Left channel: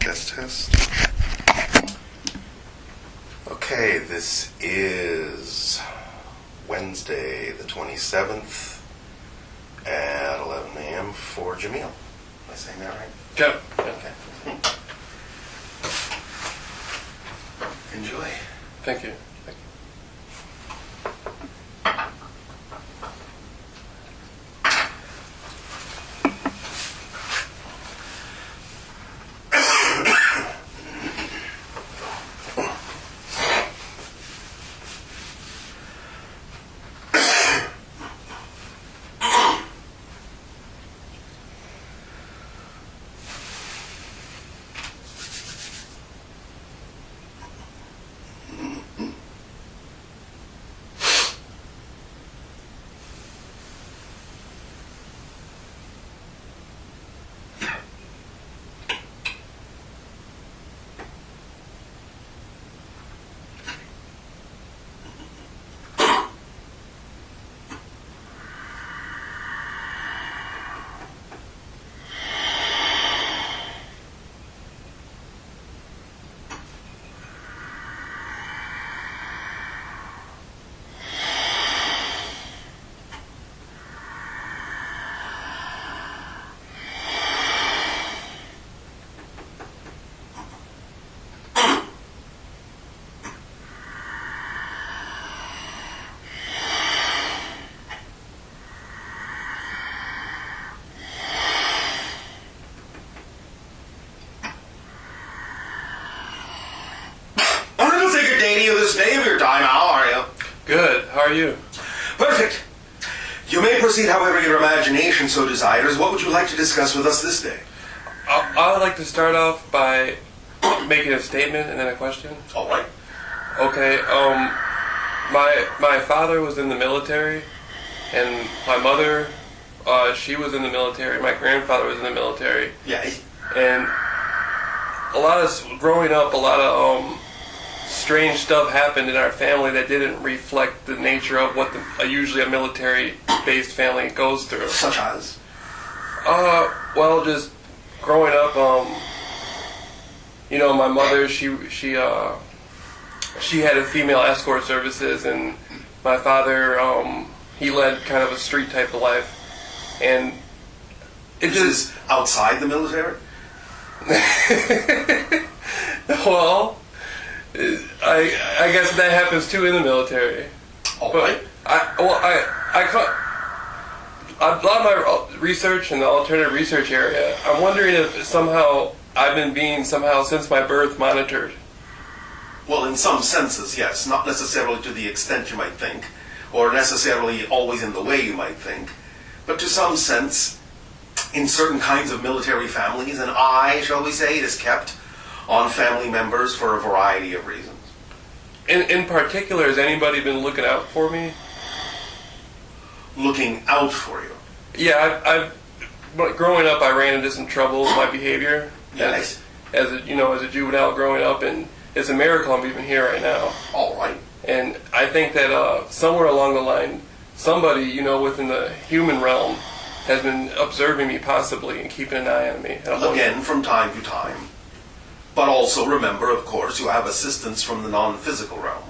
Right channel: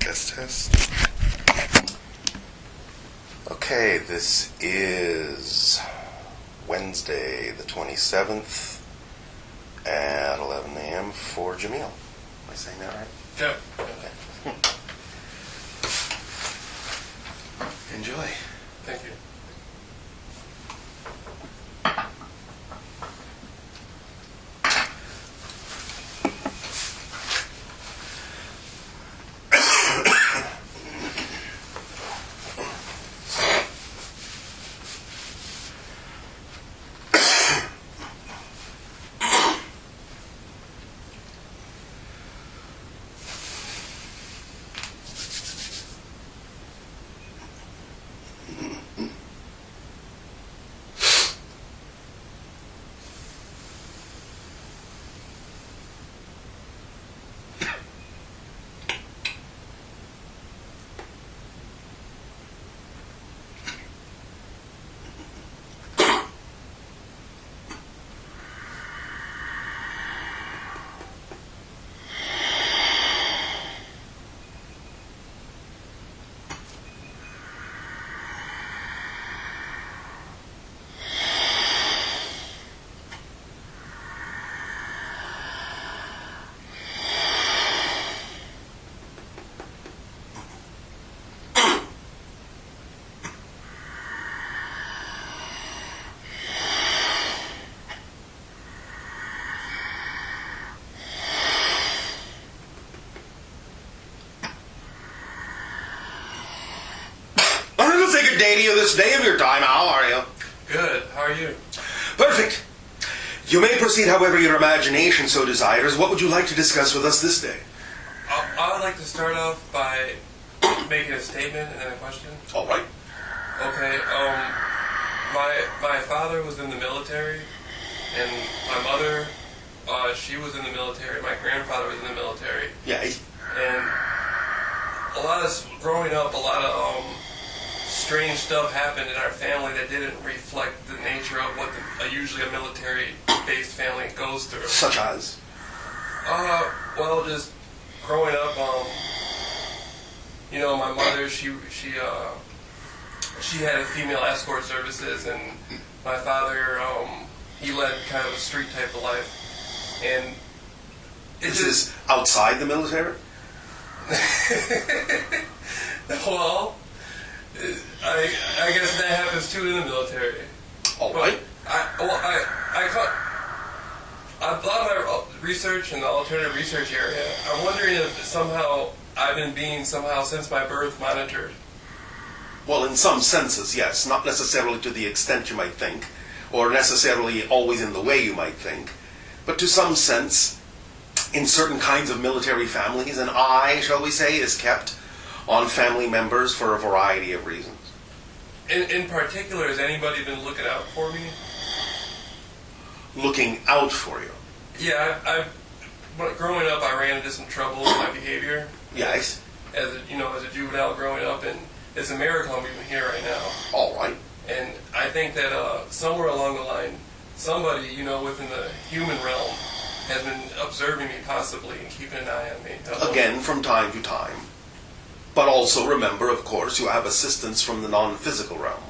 Test. Okay, this is Wednesday the 27th at 11 a.m. for Jamil. Am I saying that right? Yep. Okay. Enjoy. Thank you. Day to you this day of your time. How are you? Good. How are you? Perfect. You may proceed however your imagination so desires. What would you like to discuss with us this day? I would like to start off by making a statement and then a question. All right. Okay. My father was in the military, and my mother, she was in the military. My grandfather was in the military. Yes. And growing up, a lot of strange stuff happened in our family that didn't reflect the nature of what usually a military-based family goes through. Such as? Well, just growing up, my mother, she had a female escort services, and my father, he led kind of a street type of life, and This is outside the military? Well, I guess that happens too in the military. All right. A lot of my research in the alternative research area, I'm wondering if somehow I've been being since my birth monitored. Well, in some senses, yes. Not necessarily to the extent you might think, or necessarily always in the way you might think, but to some sense, in certain kinds of military families, an eye, shall we say, is kept on family members for a variety of reasons. In particular, has anybody been looking out for me? Looking out for you? Yeah, growing up, I ran into some trouble with my behavior. Yes. As a juvenile growing up, and it's a miracle I'm even here right now. All right. And I think that somewhere along the line, somebody, within the human realm has been observing me possibly and keeping an eye on me. Again, from time to time. But also remember, of course, you have assistance from the non-physical realm.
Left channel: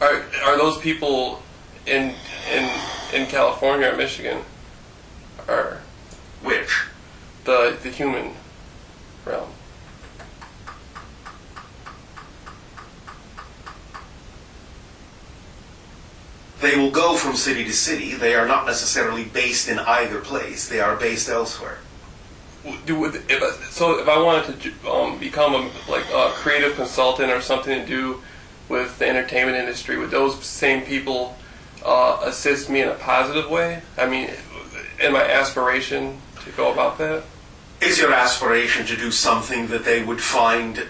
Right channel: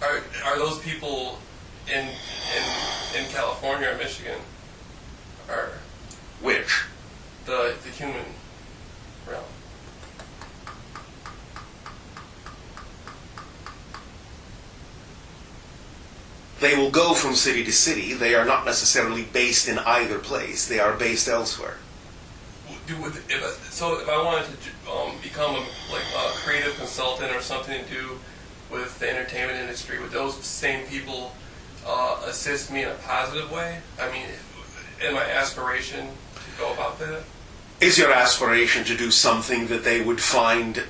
Are those people in California or Michigan? Or Which? the human realm? They will go from city to city. They are not necessarily based in either place. They are based elsewhere. If I wanted to become a creative consultant or something to do with the entertainment industry, would those same people assist me in a positive way? I mean, in my aspiration to go about that? Is your aspiration to do something that they would find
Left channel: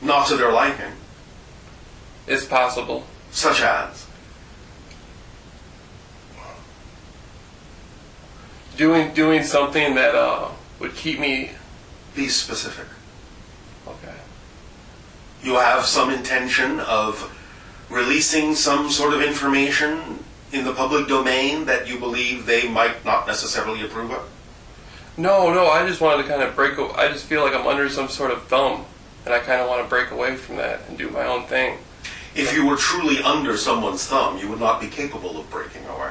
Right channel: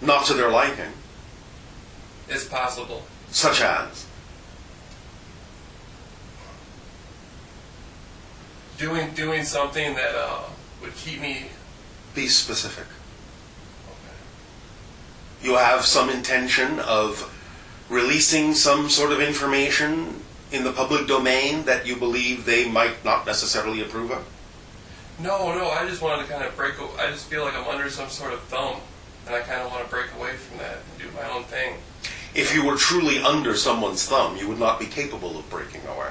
not to their liking? It's possible. Such as? Doing something that would keep me... Be specific. Okay. You have some intention of releasing some sort of information in the public domain that you believe they might not necessarily approve of? No, I just wanted to kind of I just feel like I'm under some sort of thumb, and I kind of want to break away from that and do my own thing. If you were truly under someone's thumb, you would not be capable of breaking away.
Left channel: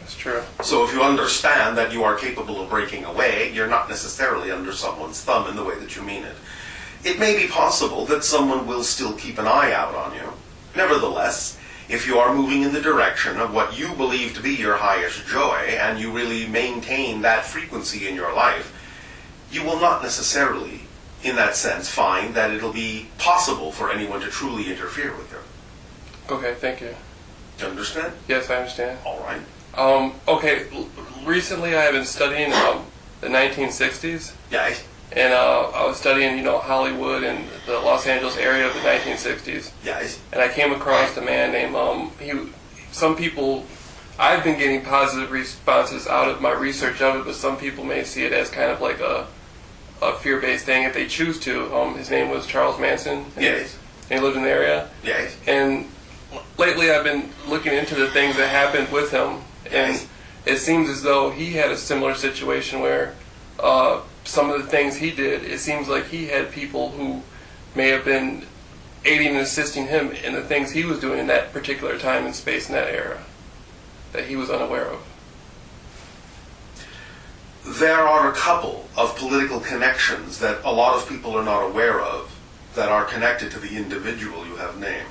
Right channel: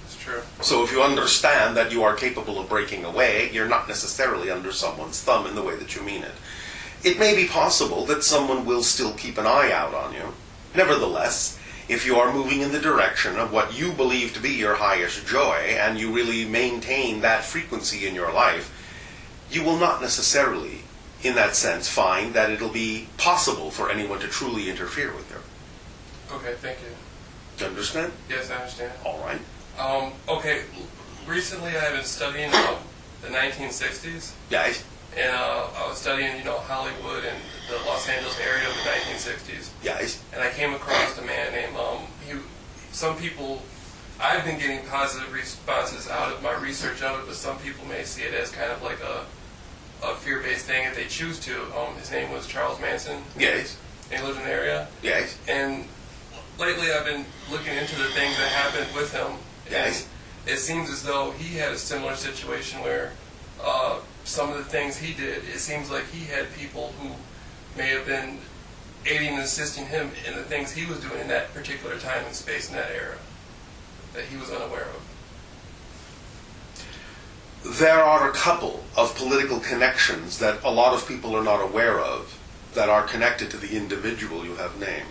That's true. So if you understand that you are capable of breaking away, you're not necessarily under someone's thumb in the way that you mean it. It may be possible that someone will still keep an eye out on you. Nevertheless, if you are moving in the direction of what you believe to be your highest joy, and you really maintain that frequency in your life, you will not necessarily, in that sense, find that it'll be possible for anyone to truly interfere with you. Okay, thank you. Do you understand? Yes, I understand. All right. Okay, recently I have been studying the 1960s. Yeah. And I was studying, Hollywood and the Los Angeles area of the 1960s. Yes. And I came across a man named, some people, I've been getting positive responses out of my research of it, but some people may see it as kind of like a fear-based thing if they choose to. His name was Charles Manson. Yes. And he lived in the area. Yes. And lately I've been looking into the things that happened with him. Yes. And it seems as though he had a similar situation where some of the things he did, it seems like he had people who may have been aiding and assisting him in the things he was doing in that particular time and space in that era that he was unaware of. There are a couple of political connections that a lot of people are not aware of that are connected to the individual you have named.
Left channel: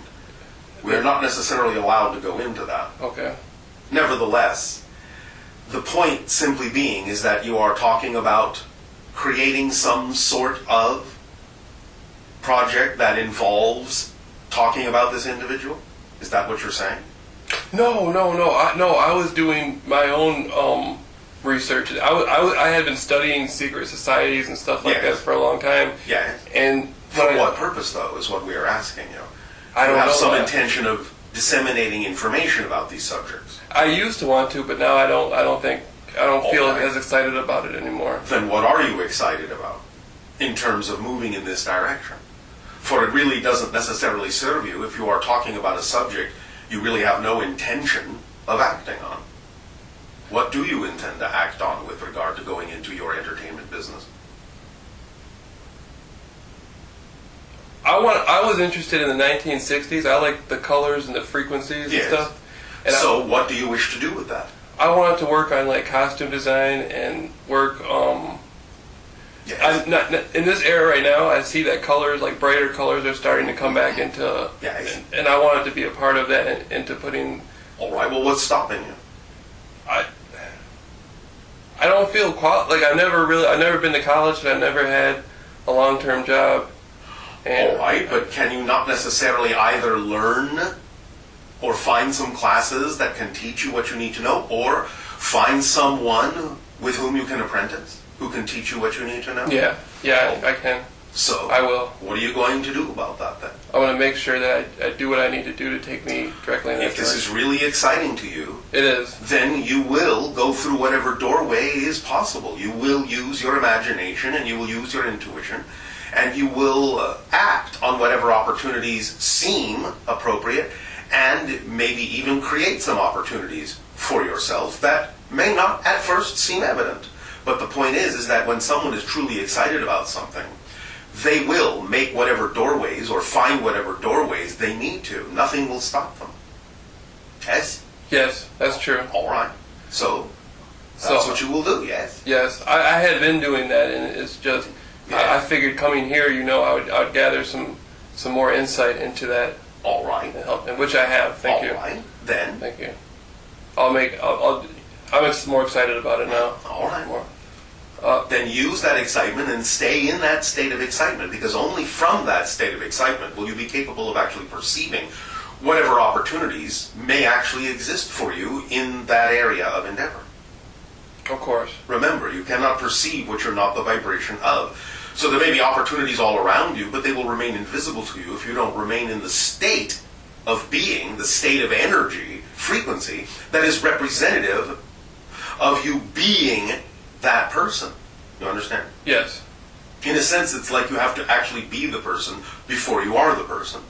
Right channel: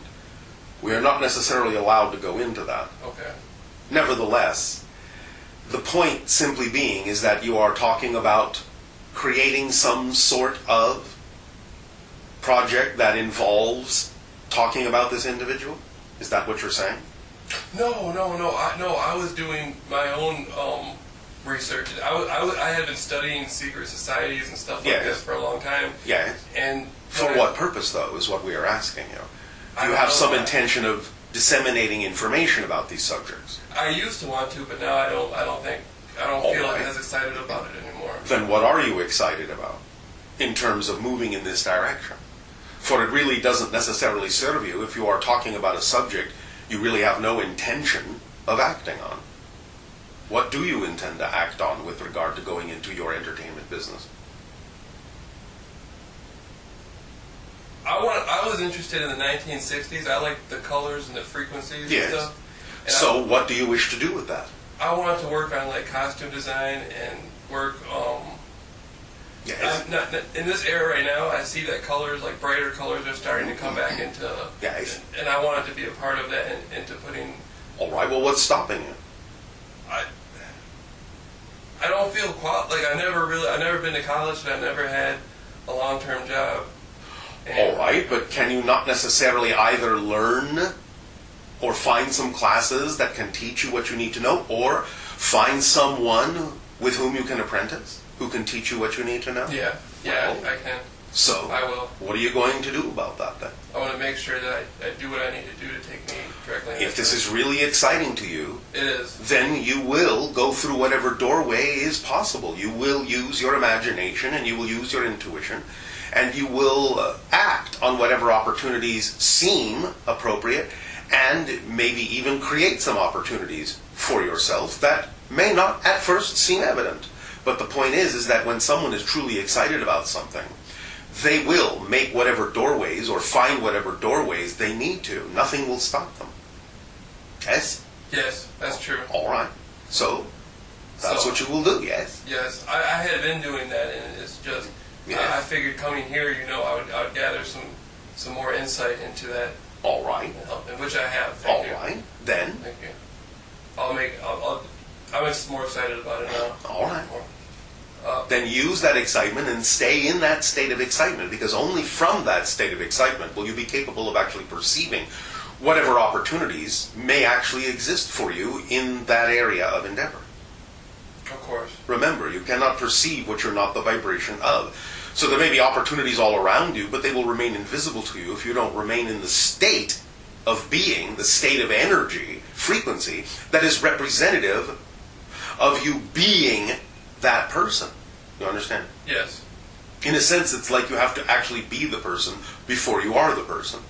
We are not necessarily allowed to go into that. Okay. Nevertheless, the point simply being is that you are talking about creating some sort of project that involves talking about this individual? Is that what you're saying? No. I was doing my own research. I had been studying secret societies and stuff like that for a long time. Yeah. And for what purpose, though, is what we are asking you. I you don't have know some that. intention of disseminating information about these subjects. I used to want to, but now I don't feel right. as excited about it anymore. Then what are you excited about in terms of moving in this direction? For it really doesn't necessarily serve you if you are talking about a subject you really have no intention of acting on. What do you intend to act on with regard to going into your entertainment business? I was interested in the 1960s. I liked the colors and the frequencies Yes. and stuff. And So what do you wish to do with that? I wanted to work on like costume design and work. Yes. I'm not in this era right now. I see that colors, like brighter colors, are starting to come back into. Yes. And I wanted to be a part of that and into putting. All right. Well, what's stopping you? I don't feel I've never been to college and I've never had a long-term job. And All right, but can you not necessarily either learn or find some classes that can teach you what you need to know, or find someone with whom you can apprentice who can teach you what you need to know? Yeah, I can. So, I will. What are you going to do about that then? I want to make sure that I do what I need to do to take me directly in that If this is direction. really exciting to you, It is. then you will go through whatever doorway is possible. You will use your imagination and you will use your intuition, and you will act on whatever opportunities seem appropriate, and maybe even create some opportunities for yourself that may not at first seem evident. But the point is that when someone is truly excited about something, they will make whatever doorways or find whatever doorways they need to. Nothing will stop them. Yes? Yes, that's true. All right. So, that's So- what you will do, yes? Yes, I had been doing that, and it's just Yeah. I figured coming here, I would gather some more insight into that, All right. and which I have. Thank you. All right. Then, Thank you. I'm more excited about it now. all right. More. Then use that excitement and stay in that state of excitement, because only from that state of excitement will you be capable of actually perceiving whatever opportunities may actually exist for you in that area of endeavor. Of course. Remember, you cannot perceive what you're not the vibration of. So there may be opportunities all around you, but they will remain invisible to you if you don't remain in the state of being, the state of energy, frequency, that is representative of you being that person. You understand? Yes. In a sense, it's like you have to actually be the person before you are the person.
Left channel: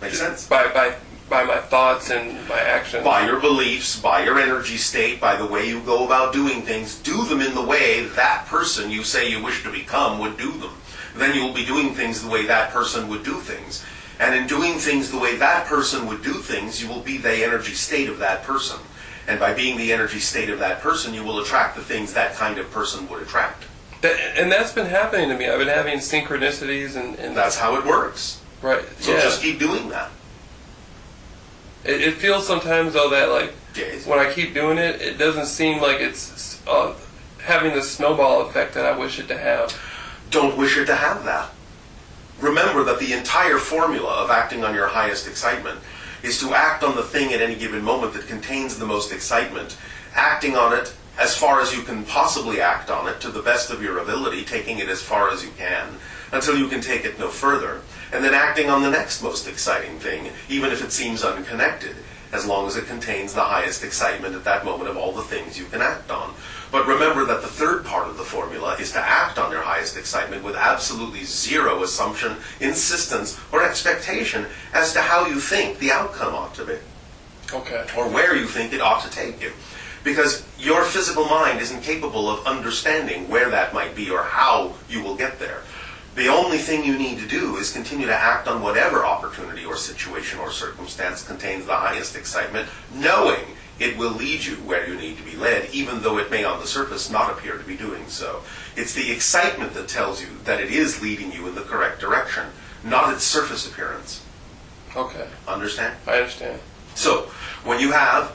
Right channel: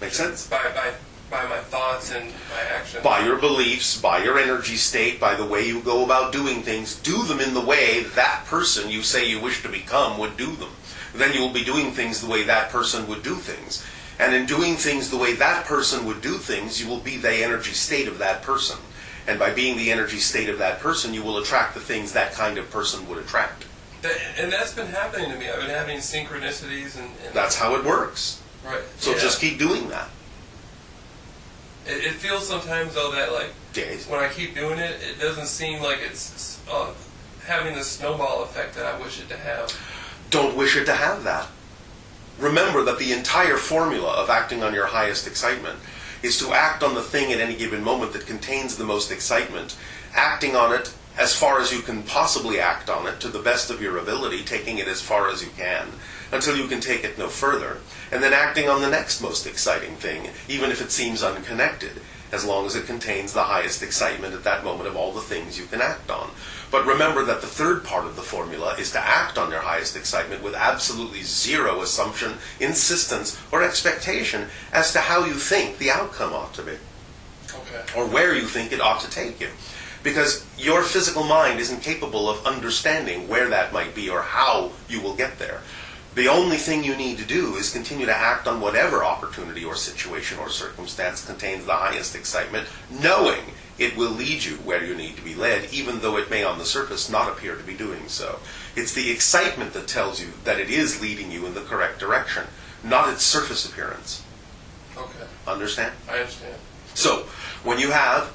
Make sense? By by my thoughts and my actions. By your beliefs, by your energy state, by the way you go about doing things. Do them in the way that person you say you wish to become would do them. Then you'll be doing things the way that person would do things. And in doing things the way that person would do things, you will be the energy state of that person. And by being the energy state of that person, you will attract the things that kind of person would attract. And that's been happening to me. I've been having synchronicities and that's how it works. Right. So just keep doing that. It feels sometimes, though, that like Yes. when I keep doing it, it doesn't seem like it's having the snowball effect that I wish it to have. Don't wish it to have that. Remember that the entire formula of acting on your highest excitement is to act on the thing at any given moment that contains the most excitement, acting on it as far as you can possibly act on it to the best of your ability, taking it as far as you can, until you can take it no further, and then acting on the next most exciting thing, even if it seems unconnected, as long as it contains the highest excitement at that moment of all the things you can act on. But remember that the third part of the formula is to act on your highest excitement with absolutely zero assumption, insistence, or expectation as to how you think the outcome ought to be. Okay. Or where you think it ought to take you. Because your physical mind isn't capable of understanding where that might be or how you will get there. The only thing you need to do is continue to act on whatever opportunity or situation or circumstance contains the highest excitement, knowing it will lead you where you need to be led, even though it may on the surface not appear to be doing so. It's the excitement that tells you that it is leading you in the correct direction, not its surface appearance. Okay. Understand? I understand. So, when you have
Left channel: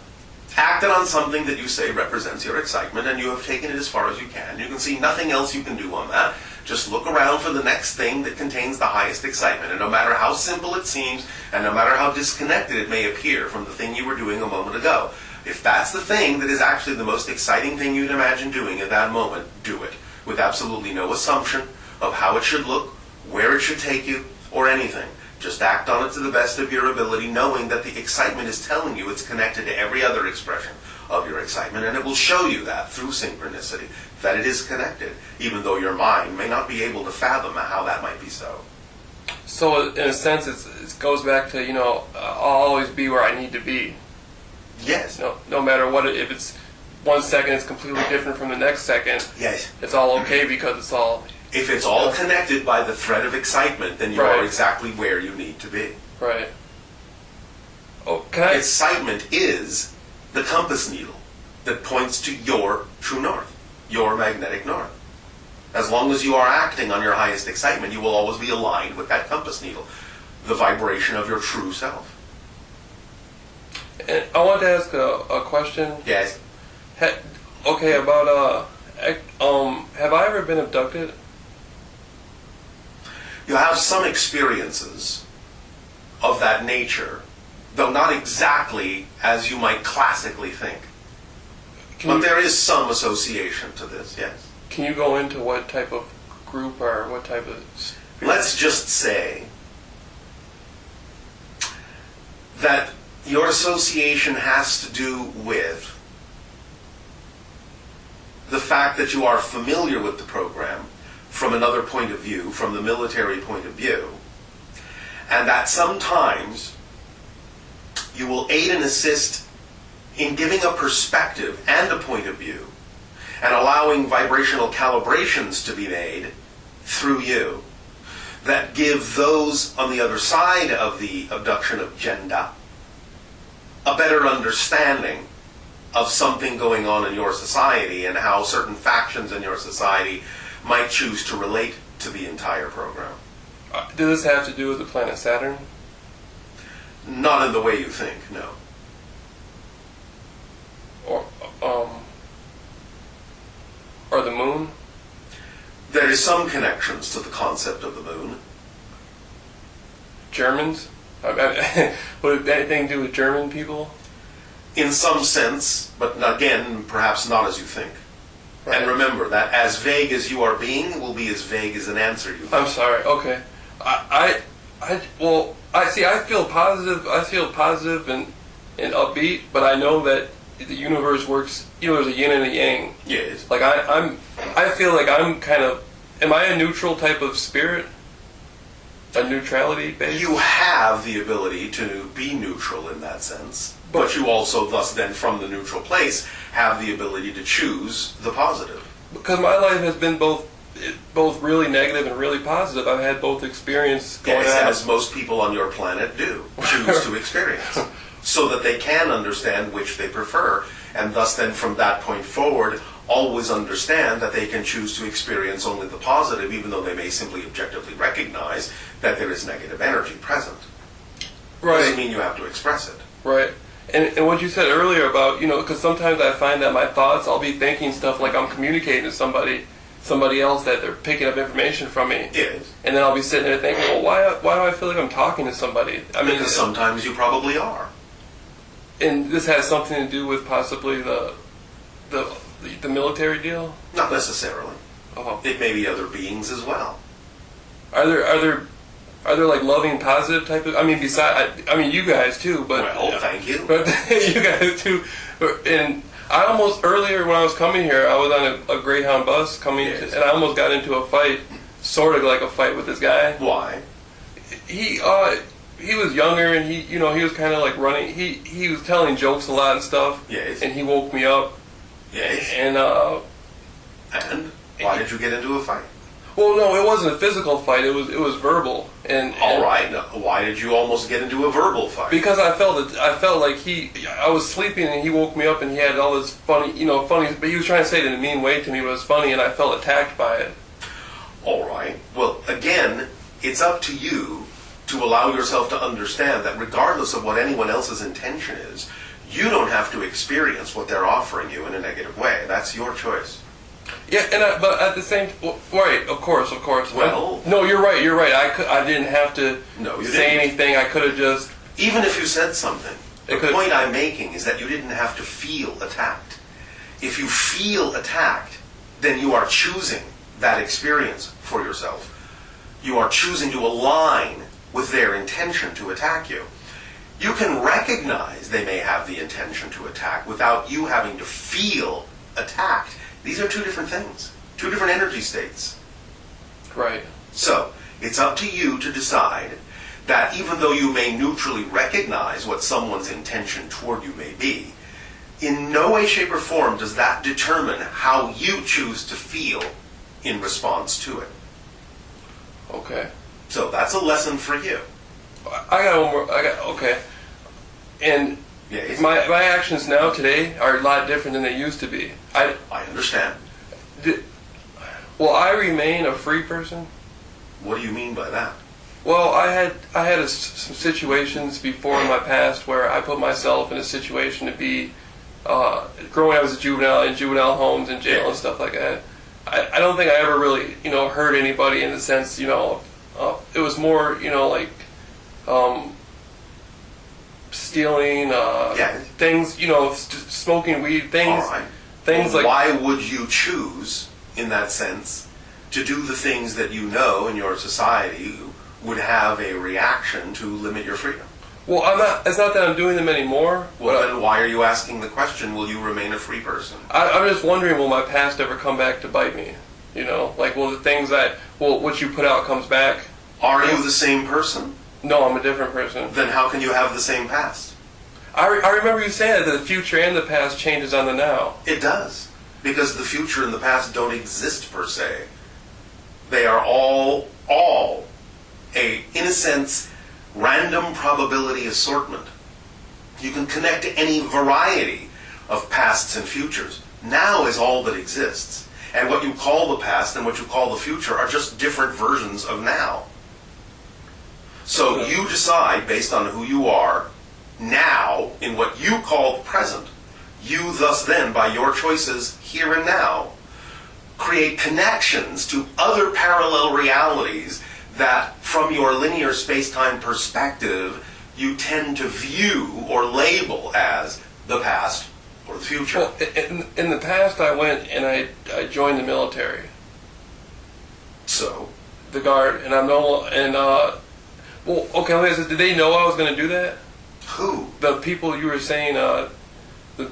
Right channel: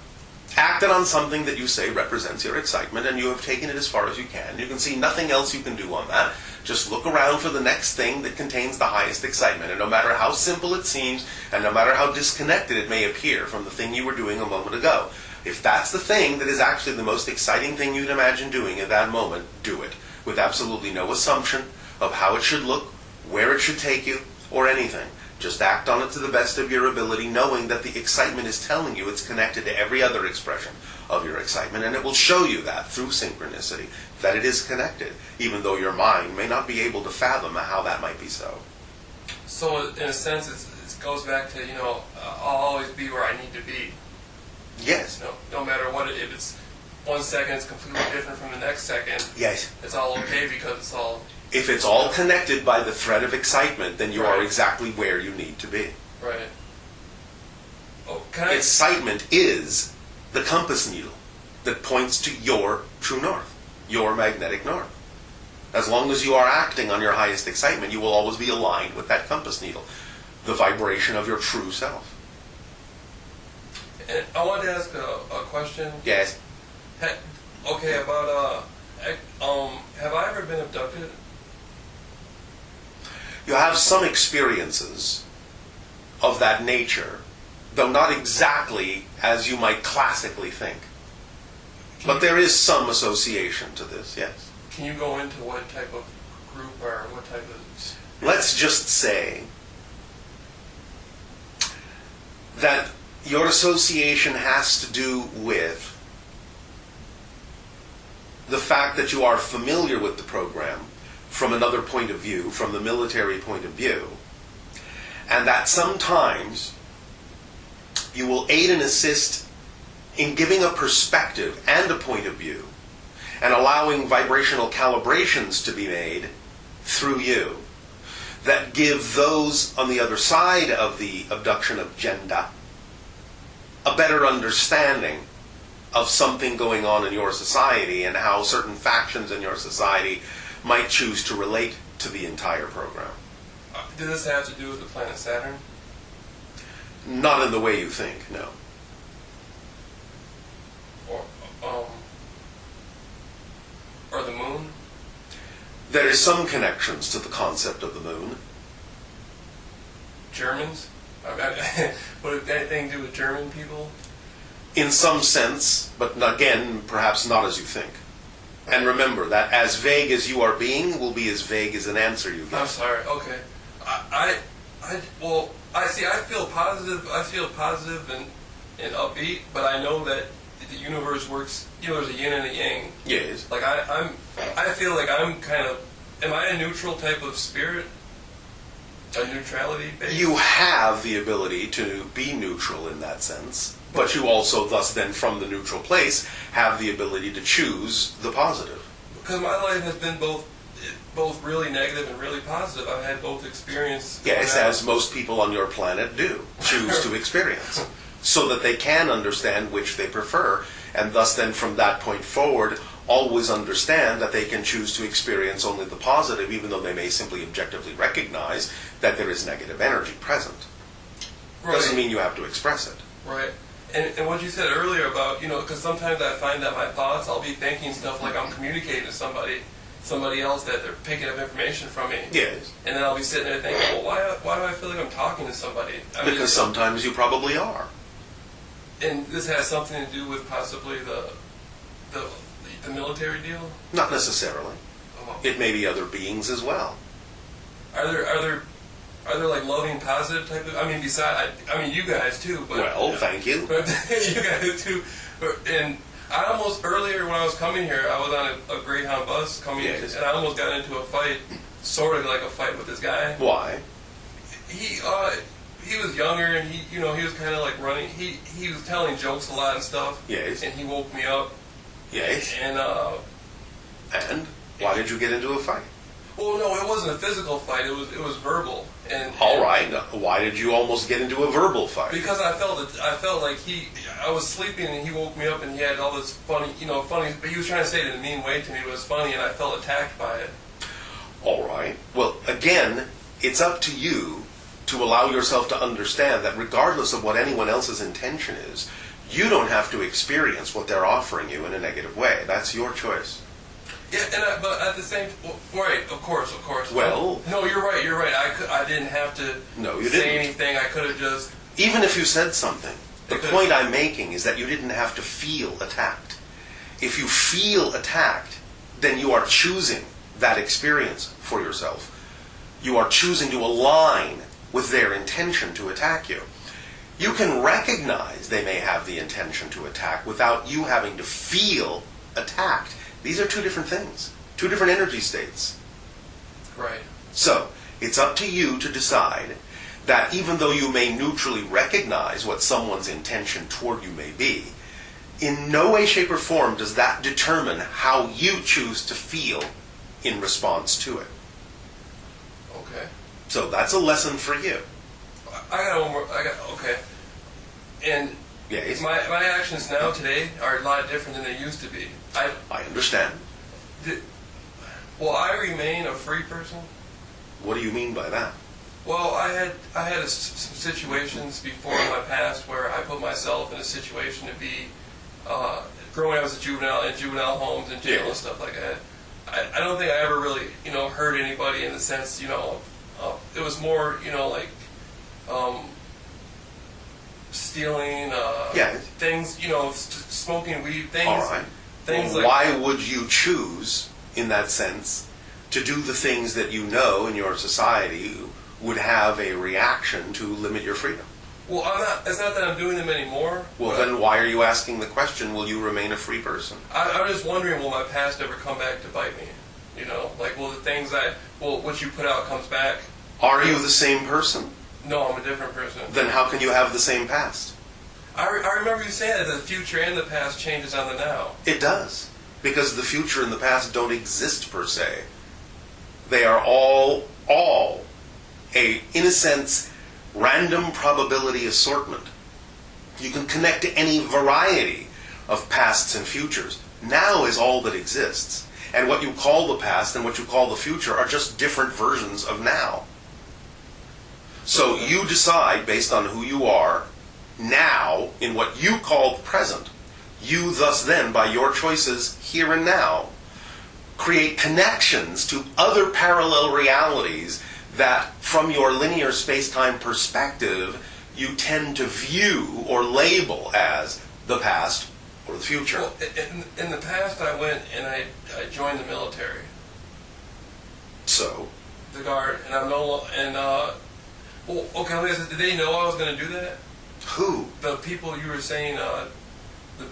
acted on something that you say represents your excitement and you have taken it as far as you can see nothing else you can do on that. Just look around for the next thing that contains the highest excitement, and no matter how simple it seems, and no matter how disconnected it may appear from the thing you were doing a moment ago, if that's the thing that is actually the most exciting thing you'd imagine doing at that moment, do it, with absolutely no assumption of how it should look, where it should take you, or anything. Just act on it to the best of your ability, knowing that the excitement is telling you it's connected to every other expression of your excitement, and it will show you that through synchronicity, that it is connected, even though your mind may not be able to fathom how that might be so. So, in a sense, it goes back to, I'll always be where I need to be. Yes. No matter what, if it's 1 second, it's completely different from the next second. Yes. It's all okay because it's all... If it's all connected by the thread of excitement, then you Right. are exactly where you need to be. Right. Oh, can I... Excitement is the compass needle that points to your true north, your magnetic north. As long as you are acting on your highest excitement, you will always be aligned with that compass needle, the vibration of your true self. And I wanted to ask a question. Yes. Okay, about, have I ever been abducted? You have some experiences of that nature, though not exactly as you might classically think. But there is some association to this, yes. Can you go into what type of group or what type of... Let's just say that your association has to do with the fact that you are familiar with the program from another point of view, from the military point of view, and that sometimes you will aid and assist in giving a perspective and a point of view and allowing vibrational calibrations to be made through you that give those on the other side of the abduction agenda a better understanding of something going on in your society and how certain factions in your society might choose to relate to the entire program. Does this have to do with the planet Saturn? Not in the way you think, no. Or the moon? There is some connections to the concept of the moon. Germans? Would it have anything to do with German people? In some sense, but again, perhaps not as you think. Right. And remember that as vague as you are being will be as vague as an answer you give. I'm sorry. Okay. I feel positive and upbeat, but I know that the universe works. There's a yin and a yang. Yes. Like I feel like I'm kind of. Am I a neutral type of spirit? a neutrality base? You have the ability to be neutral in that sense, but you also thus then from the neutral place have the ability to choose the positive. Because my life has been both really negative and really positive. I've had both experience. Yes, as most people on your planet do, choose to experience, so that they can understand which they prefer, and thus then from that point forward, always understand that they can choose to experience only the positive, even though they may simply objectively recognize that there is negative energy present. Right. Doesn't mean you have to express it. Right. And what you said earlier about, because sometimes I find that my thoughts, I'll be thinking stuff like I'm communicating to somebody else, that they're picking up information from me. Yes. And then I'll be sitting there thinking, well, why do I feel like I'm talking to somebody? Because sometimes you probably are. And this has something to do with possibly the military deal? Not necessarily. Uh-huh. It may be other beings as well. Are there like loving, positive type of? You guys too, but Well, thank you. But you guys too, and I almost earlier when I was coming here, I was on a Greyhound bus coming, Yes. and I almost got into a fight, sort of like a fight with this guy. Why? He was younger, and he was kind of like running. He was telling jokes a lot and stuff. Yes. And he woke me up. Yes. And why did you get into a fight? well, no, it wasn't a physical fight. It was verbal. And All right. Now, why did you almost get into a verbal fight? because I felt like I was sleeping and he woke me up and he had all this funny, but he was trying to say it in a mean way to me, but it was funny, and I felt attacked by it. All right. Well, again, it's up to you to allow yourself to understand that regardless of what anyone else's intention is, you don't have to experience what they're offering you in a negative way. That's your choice. Yeah, but at the same, right? Of course. Well, no, you're right. I didn't have to say anything. I could have just. Even if you said something, the Because- point I'm making is that you didn't have to feel attacked. If you feel attacked, then you are choosing that experience for yourself. You are choosing to align with their intention to attack you. You can recognize they may have the intention to attack without you having to feel attacked. These are two different things, two different energy states. Right. So, it's up to you to decide that even though you may neutrally recognize what someone's intention toward you may be, in no way, shape, or form does that determine how you choose to feel in response to it. Okay. So that's a lesson for you. I got one more. Okay. And Yes. my actions now today are a lot different than they used to be. I understand. Will I remain a free person? What do you mean by that? Well, I had some situations before in my past where I put myself in a situation to be growing up as a juvenile in juvenile homes and jail and stuff like that. I don't think I ever really hurt anybody in the sense it was more like stealing things smoking weed things. All right. Things well, like why would you choose in that sense to do the things that you know in your society would have a reaction to limit your freedom? Well, it's not that I'm doing them anymore. Well, then why are you asking the question, will you remain a free person? I'm just wondering, will my past ever come back to bite me? Will the things what you put out comes back? Are you the same person? No, I'm a different person. Then how can you have the same past? I remember you saying that the future and the past changes on the now. It does. Because the future and the past don't exist per se. They are all in a sense, random probability assortment. You can connect to any variety of pasts and futures. Now is all that exists. And what you call the past and what you call the future are just different versions of now. So you decide, based on who you are, now, in what you call the present, you thus then, by your choices here and now, create connections to other parallel realities that, from your linear space-time perspective, you tend to view or label as the past or the future. Well, in the past, I went and I joined the military. So? The Guard, and I'm no, and well, okay. Did they know I was going to do that? Who? The people you were saying, the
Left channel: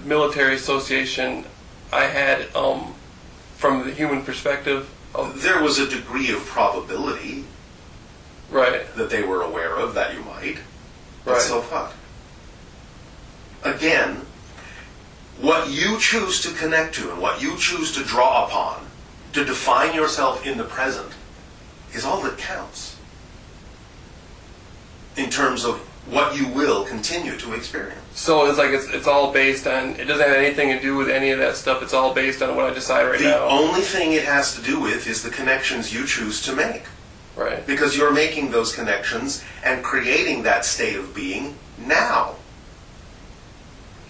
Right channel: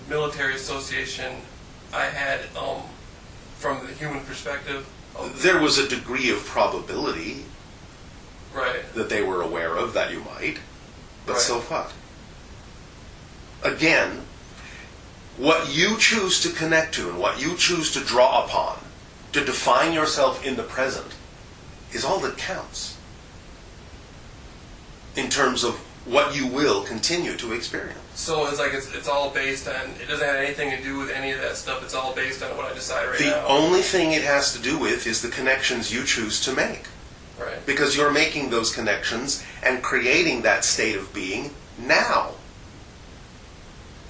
military association. I had from the human perspective. There was a degree of probability. Right. that they were aware of that you might. But Right. so what? Again, what you choose to connect to and what you choose to draw upon to define yourself in the present is all that counts in terms of what you will continue to experience. So it's like it's all based on, it doesn't have anything to do with any of that stuff. It's all based on what I decide right now. The only thing it has to do with is the connections you choose to make. Right. Because you're making those connections and creating that state of being now.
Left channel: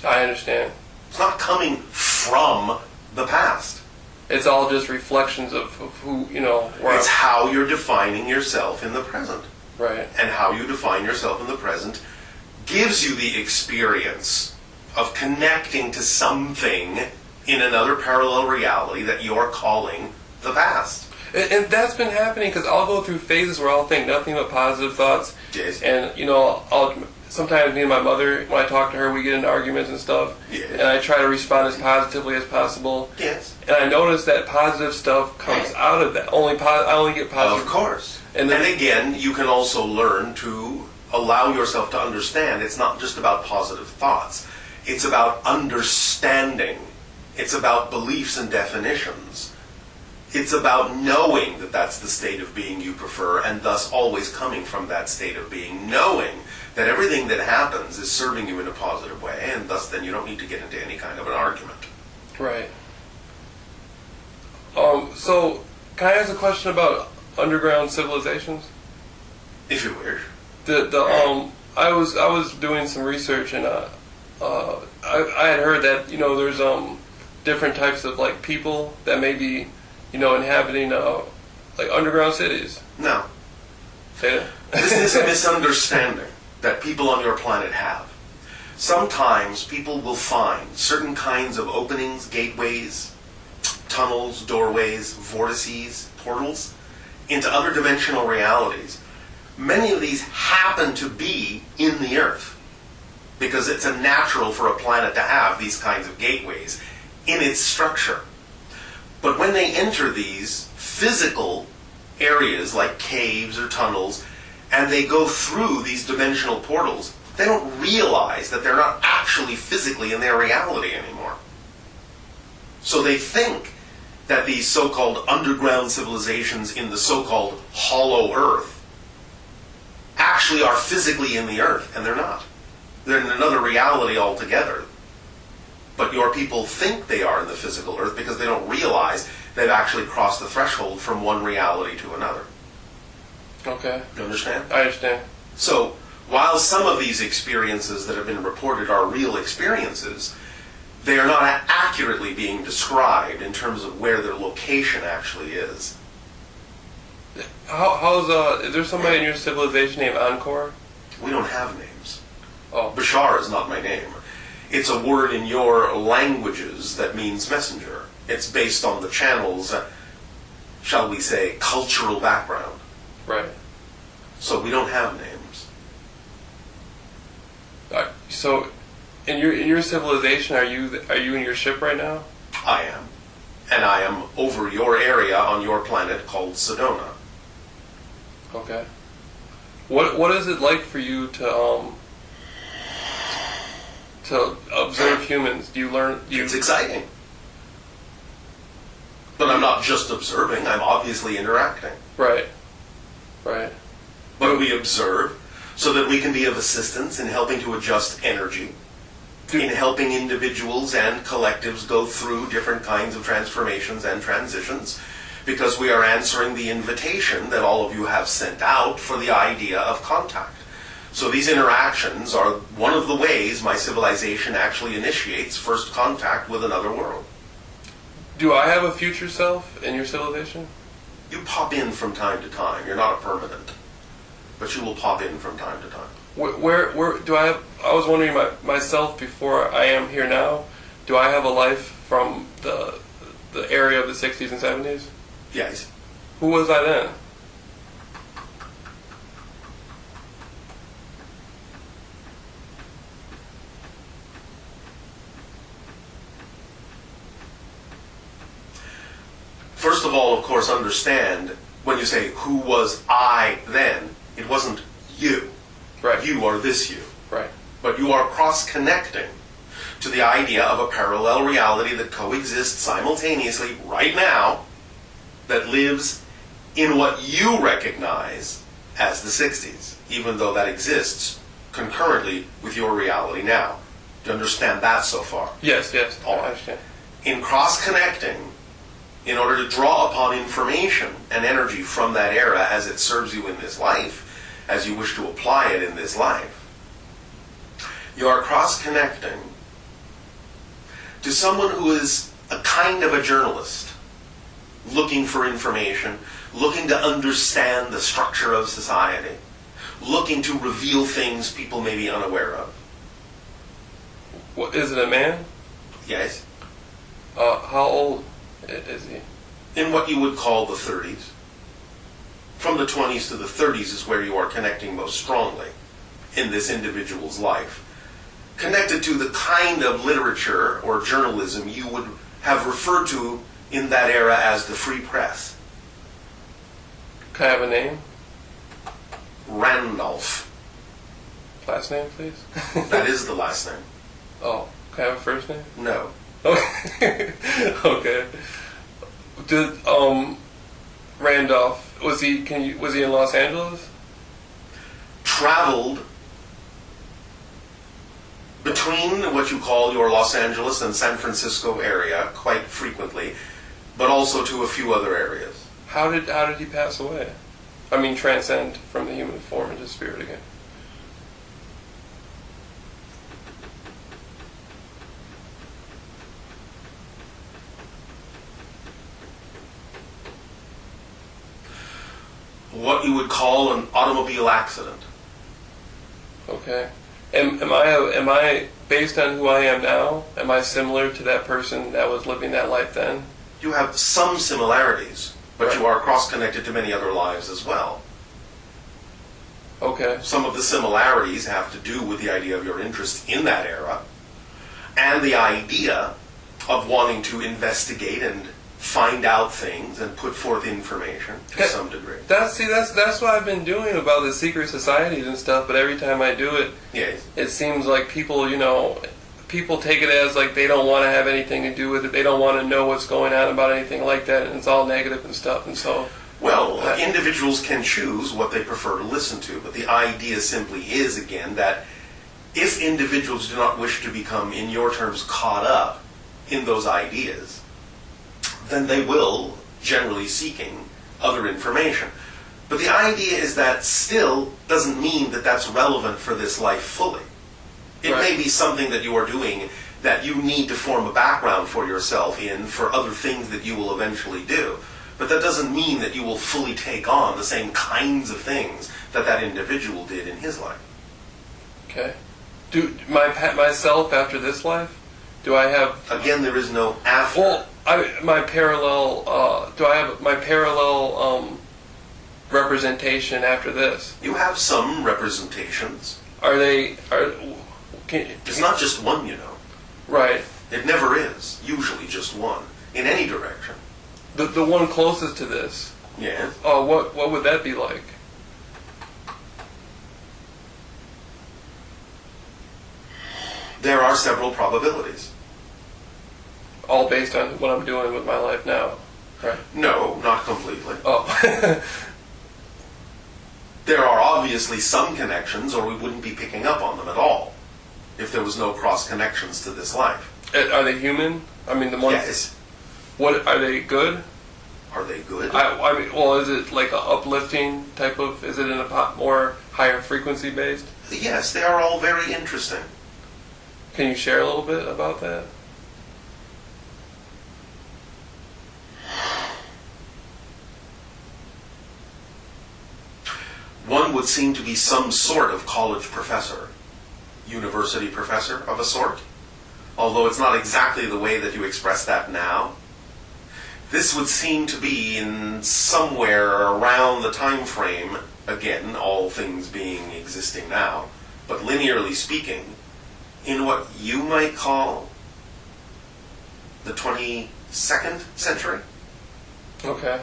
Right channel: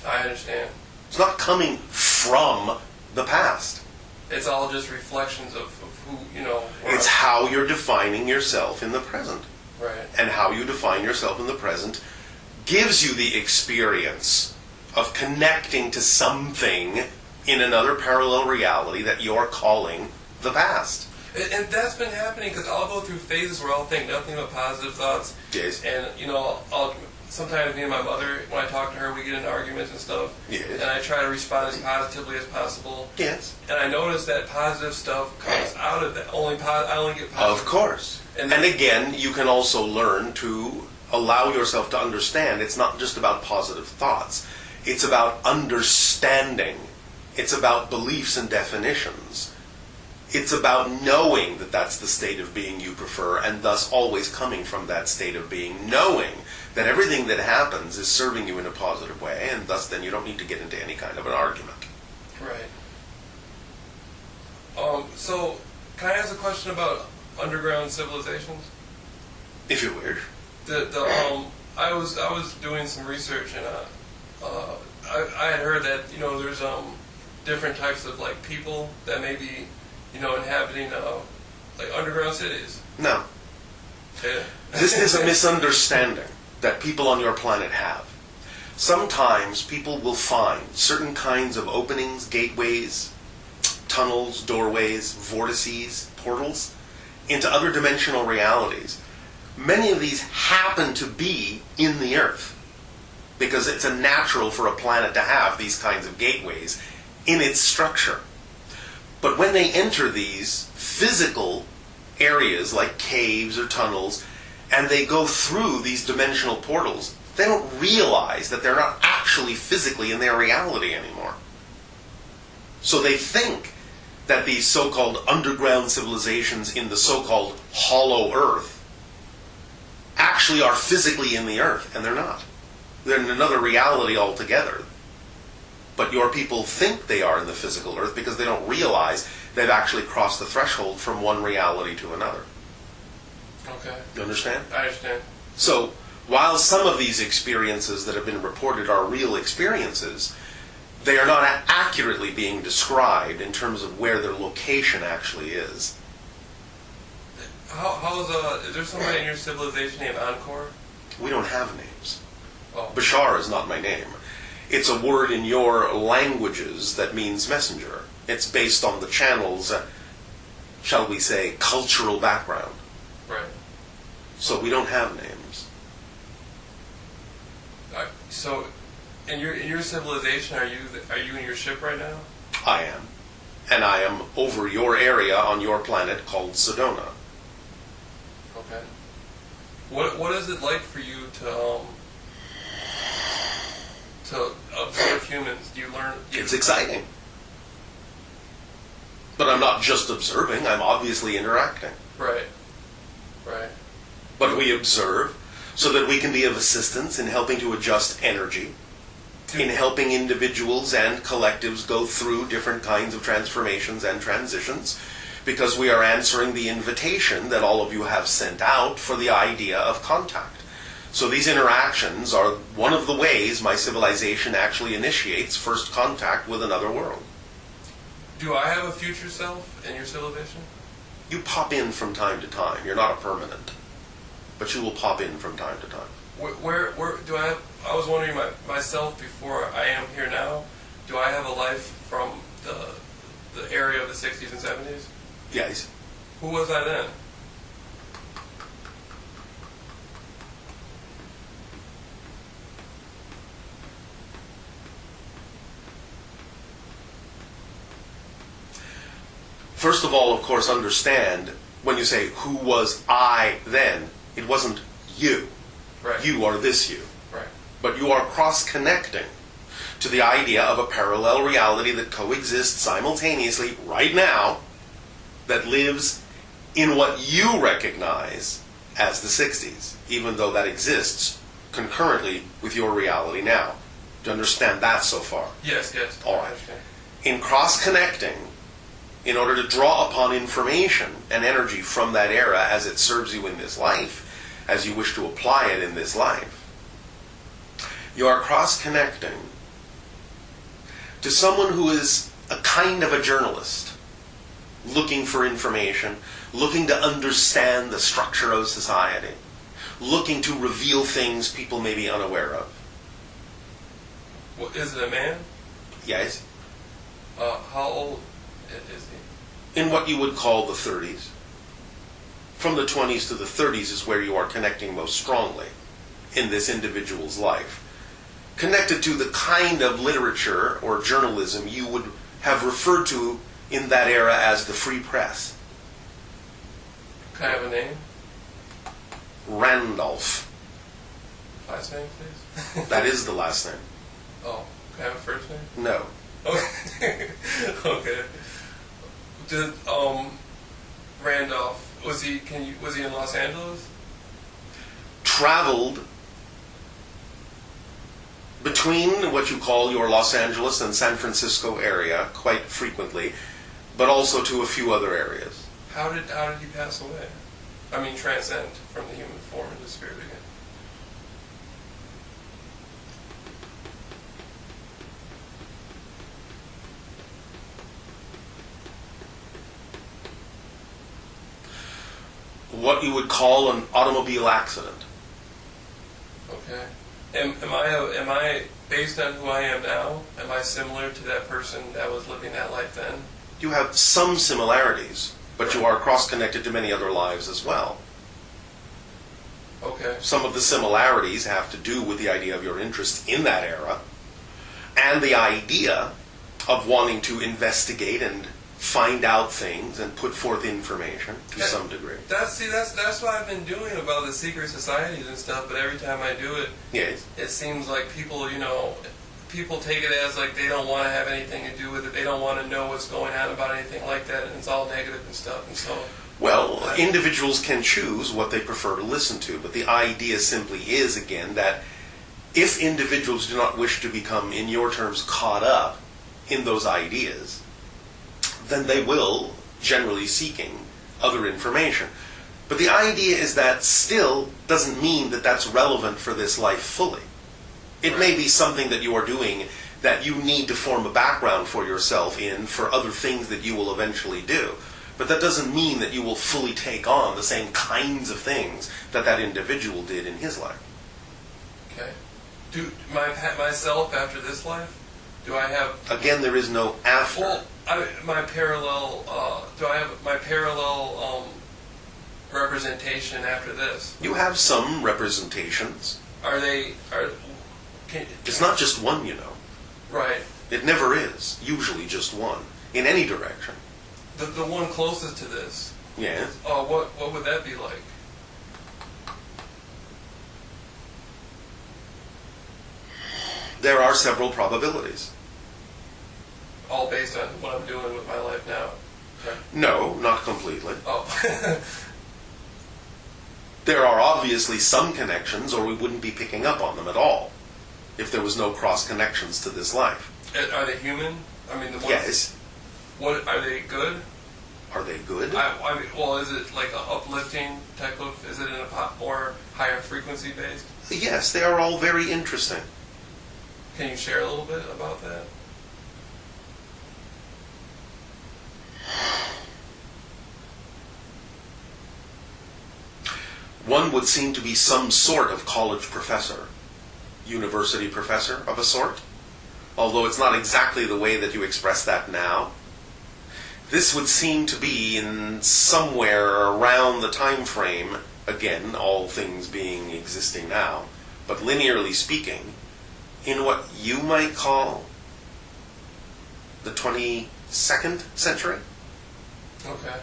I understand. It's not coming from the past. It's all just reflections of who, where It's how you're defining yourself in the present. Right. And how you define yourself in the present gives you the experience of connecting to something in another parallel reality that you're calling the past. And that's been happening because I'll go through phases where I'll think nothing but positive thoughts. Yes. And, I'll sometimes me and my mother, when I talk to her, we get into arguments and stuff. Yes. And I try to respond as positively as possible. Yes. And I notice that positive stuff comes out of that. I only get positive. Of course. And again, you can also learn to allow yourself to understand it's not just about positive thoughts. It's about understanding. It's about beliefs and definitions. It's about knowing that that's the state of being you prefer and thus always coming from that state of being, knowing that everything that happens is serving you in a positive way and thus then you don't need to get into any kind of an argument. Right. So, can I ask a question about underground civilizations? If you wish. I was doing some research and I had heard that there's different types of like people that may be inhabiting like underground cities. No. Yeah. This is a misunderstanding that people on your planet have. Sometimes people will find certain kinds of openings, gateways, tunnels, doorways, vortices, portals into other dimensional realities. Many of these happen to be in the Earth because it's a natural for a planet to have these kinds of gateways in its structure. But when they enter these physical areas like caves or tunnels and they go through these dimensional portals, they don't realize that they're not actually physically in their reality anymore. So they think that these so-called underground civilizations in the so-called hollow Earth actually are physically in the Earth, and they're not. They're in another reality altogether. But your people think they are in the physical Earth because they don't realize they've actually crossed the threshold from one reality to another. Okay. You understand? I understand. So, while some of these experiences that have been reported are real experiences, they are not accurately being described in terms of where their location actually is. Is there somebody in your civilization named Encore? We don't have names. Oh. Bashar is not my name. It's a word in your languages that means messenger. It's based on the channel's, shall we say, cultural background. Right. So we don't have names. So, in your civilization, are you in your ship right now? I am. And I am over your area on your planet called Sedona. Okay. What is it like for you to observe humans? Do you learn? It's exciting. But I'm not just observing, I'm obviously interacting. Right. Right. But we observe so that we can be of assistance in helping to adjust energy, in helping individuals and collectives go through different kinds of transformations and transitions, because we are answering the invitation that all of you have sent out for the idea of contact. So these interactions are one of the ways my civilization actually initiates first contact with another world. Do I have a future self in your civilization? You pop in from time to time. You're not a permanent. But you will pop in from time to time. Where do I have... I was wondering myself before I am here now, do I have a life from the area of the 60s and 70s? Yes. Who was I then? First of all, of course, understand when you say, who was I then? It wasn't you. Right. You are this you. Right. But you are cross-connecting to the idea of a parallel reality that coexists simultaneously right now, that lives in what you recognize as the 60s, even though that exists concurrently with your reality now. Do you understand that so far? Yes, All right. I understand. In cross-connecting, in order to draw upon information and energy from that era as it serves you in this life, as you wish to apply it in this life, you are cross-connecting to someone who is a kind of a journalist, looking for information, looking to understand the structure of society, looking to reveal things people may be unaware of. What, is it a man? Yes? How old is he? In what you would call the 30s. From the 20s to the 30s is where you are connecting most strongly in this individual's life. Connected to the kind of literature or journalism you would have referred to in that era as the free press. Can I have a name? Randolph. Last name, please? That is the last name. Oh, can I have a first name? No. Okay. Okay. Did Randolph was he in Los Angeles? Traveled between what you call your Los Angeles and San Francisco area quite frequently, but also to a few other areas. How did he pass away? I mean, transcend from the human form into spirit again. What you would call an automobile accident. Okay. Am I based on who I am now? Am I similar to that person that was living that life then? You have some similarities, but you are cross-connected to many other lives as well. Okay. Some of the similarities have to do with the idea of your interest in that era and the idea of wanting to investigate and find out things and put forth information to some degree. That's what I've been doing about the secret societies and stuff, but every time I do it, Yes. it seems like people take it as like they don't want to have anything to do with it. They don't want to know what's going on about anything like that, and it's all negative and stuff. And so, Well, individuals can choose what they prefer to listen to, but the idea simply is, again, that if individuals do not wish to become, in your terms, caught up in those ideas, then they will, generally seeking, other information. But the idea is that still doesn't mean that that's relevant for this life fully. It may be something that you are doing that you need to form a background for yourself in for other things that you will eventually do. But that doesn't mean that you will fully take on the same kinds of things that that individual did in his life. okay. Do myself after this life? Do I have? Again, there is no after. Well, my parallel. Do I have my parallel representation after this? You have some representations. It's not just one, you know. Right. It never is. Usually just one. In any direction. The one closest to this. Yeah. Oh, what would that be like? There are several probabilities. All based on what I'm doing with my life now. Right. No, not completely. Oh. There are obviously some connections, or we wouldn't be picking up on them at all if there was no cross connections to this life. Are they human? I mean, the ones. Yes. What are they good? Are they good? I mean, well, is it like an uplifting type of? Is it in a more higher frequency based? Yes, they are all very interesting. Can you share a little bit about that? One would seem to be some sort of college professor, university professor of a sort, although it's not exactly the way that you express that now. This would seem to be in somewhere around the time frame, again, all things being existing now, but linearly speaking, in what you might call the 22nd century. Okay.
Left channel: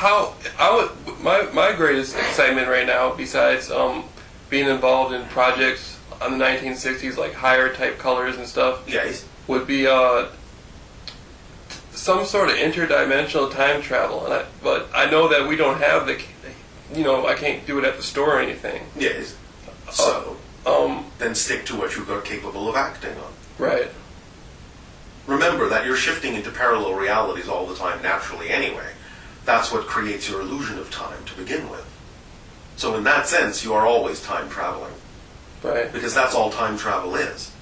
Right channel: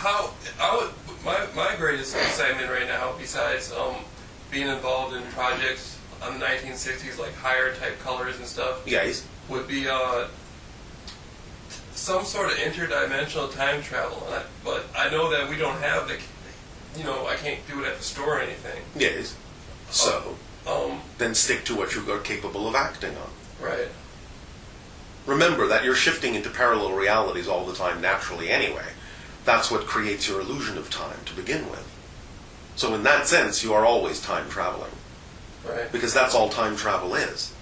how I would my greatest excitement right now, besides being involved in projects on the 1960s like higher type colors and stuff, Yes. would be some sort of interdimensional time travel. But I know that we don't have the, I can't do it at the store or anything. Yes. So, then stick to what you are capable of acting on. Right. Remember that you're shifting into parallel realities all the time naturally anyway. That's what creates your illusion of time to begin with. So in that sense, you are always time traveling. Right. Because that's all time travel is.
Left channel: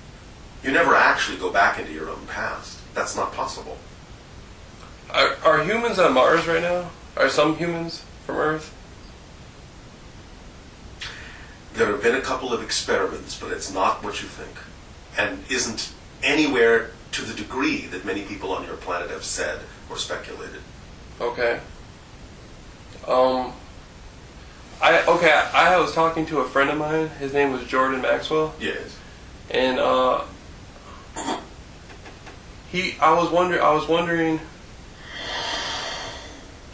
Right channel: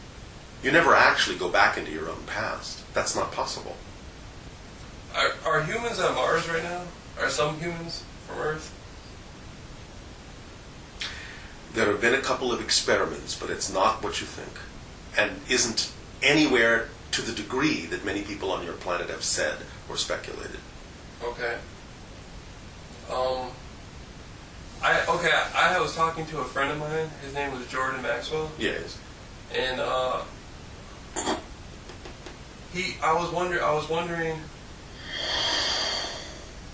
You never actually go back into your own past. That's not possible. Are humans on Mars right now? Are some humans from Earth? There have been a couple of experiments, but it's not what you think. And isn't anywhere to the degree that many people on your planet have said or speculated. Okay. I was talking to a friend of mine. His name was Jordan Maxwell. Yes. And I was wondering.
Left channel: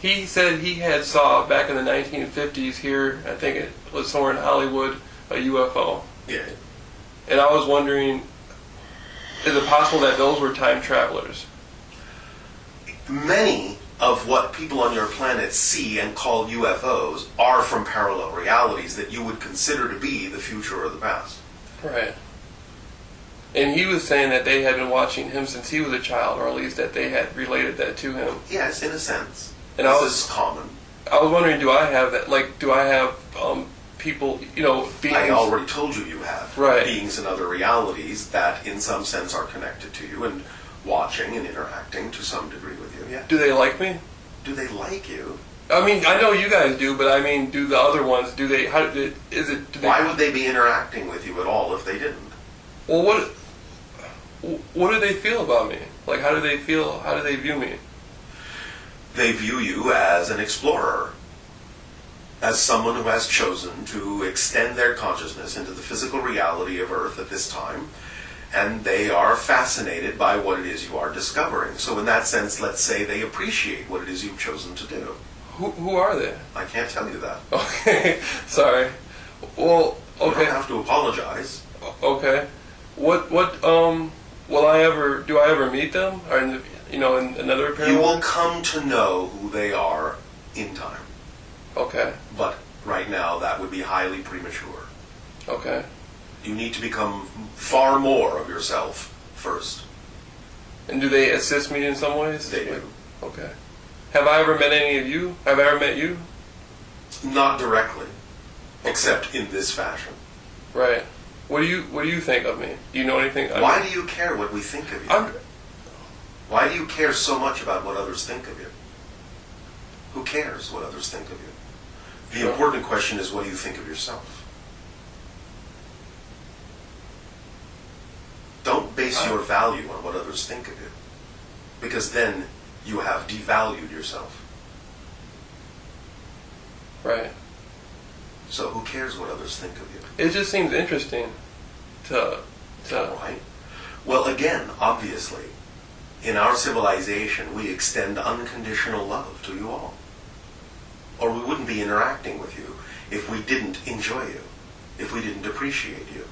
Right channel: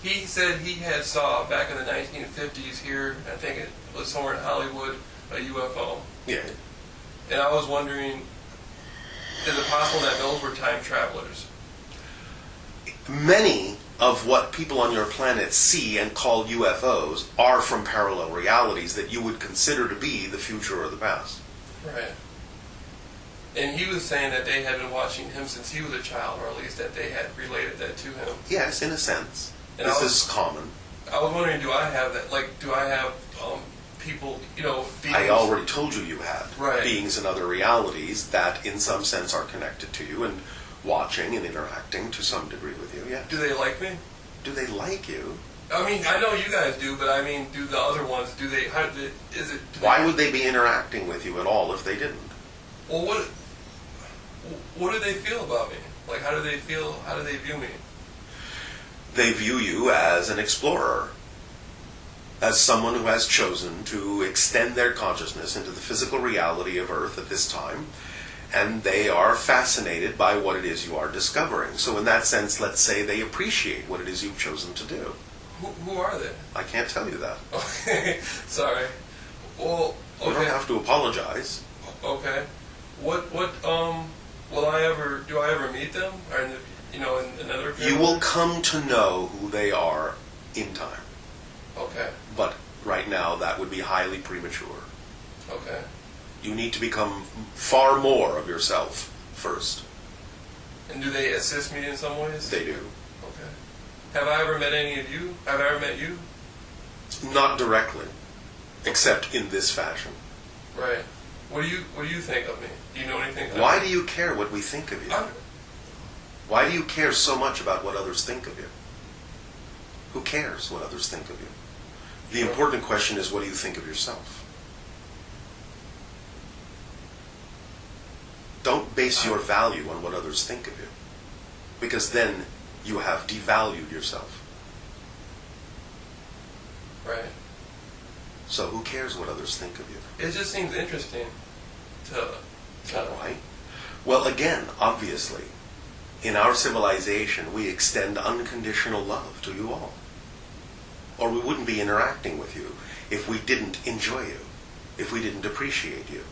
He said he had saw back in the 1950s here. I think it was somewhere in Hollywood, a UFO. Yeah. And I was wondering, is it possible that those were time travelers? Many of what people on your planet see and call UFOs are from parallel realities that you would consider to be the future or the past. Right. And he was saying that they had been watching him since he was a child, or at least that they had related that to him. Yes, in a sense. And this is common. I was wondering, do I have that? Like, do I have people, beings? I already told you you have. Right. Beings in other realities that in some sense are connected to you and watching and interacting to some degree with you, yeah. Do they like me? Do they like you? I mean, I know you guys do, but I mean, do the other ones, do they, Why would they be interacting with you at all if they didn't? Well, what do they feel about me? Like, how do they view me? They view you as an explorer, as someone who has chosen to extend their consciousness into the physical reality of Earth at this time, and they are fascinated by what it is you are discovering. So in that sense, let's say they appreciate what it is you've chosen to do. Who are they? I can't tell you that. Okay, sorry. Well, okay. You don't have to apologize. Okay. Do I ever meet them? Or in another appearance? You will come to know who they are in time. Okay. But right now, that would be highly premature. Okay. You need to become far more of yourself first. And do they assist me in some ways? They do. Okay. Have I ever met any of you? Have I ever met you? Not directly, except in this fashion. Right. What do you think of me? Do you know anything? Why do you care what we think of you? Why do you care so much about what others think of you? Who cares what others think of you? The important question is, what do you think of yourself? Don't base your value on what others think of you, because then you have devalued yourself. Right. So who cares what others think of you? It just seems interesting to Right. Well, again, obviously, in our civilization, we extend unconditional love to you all. Or we wouldn't be interacting with you if we didn't enjoy you, if we didn't appreciate you.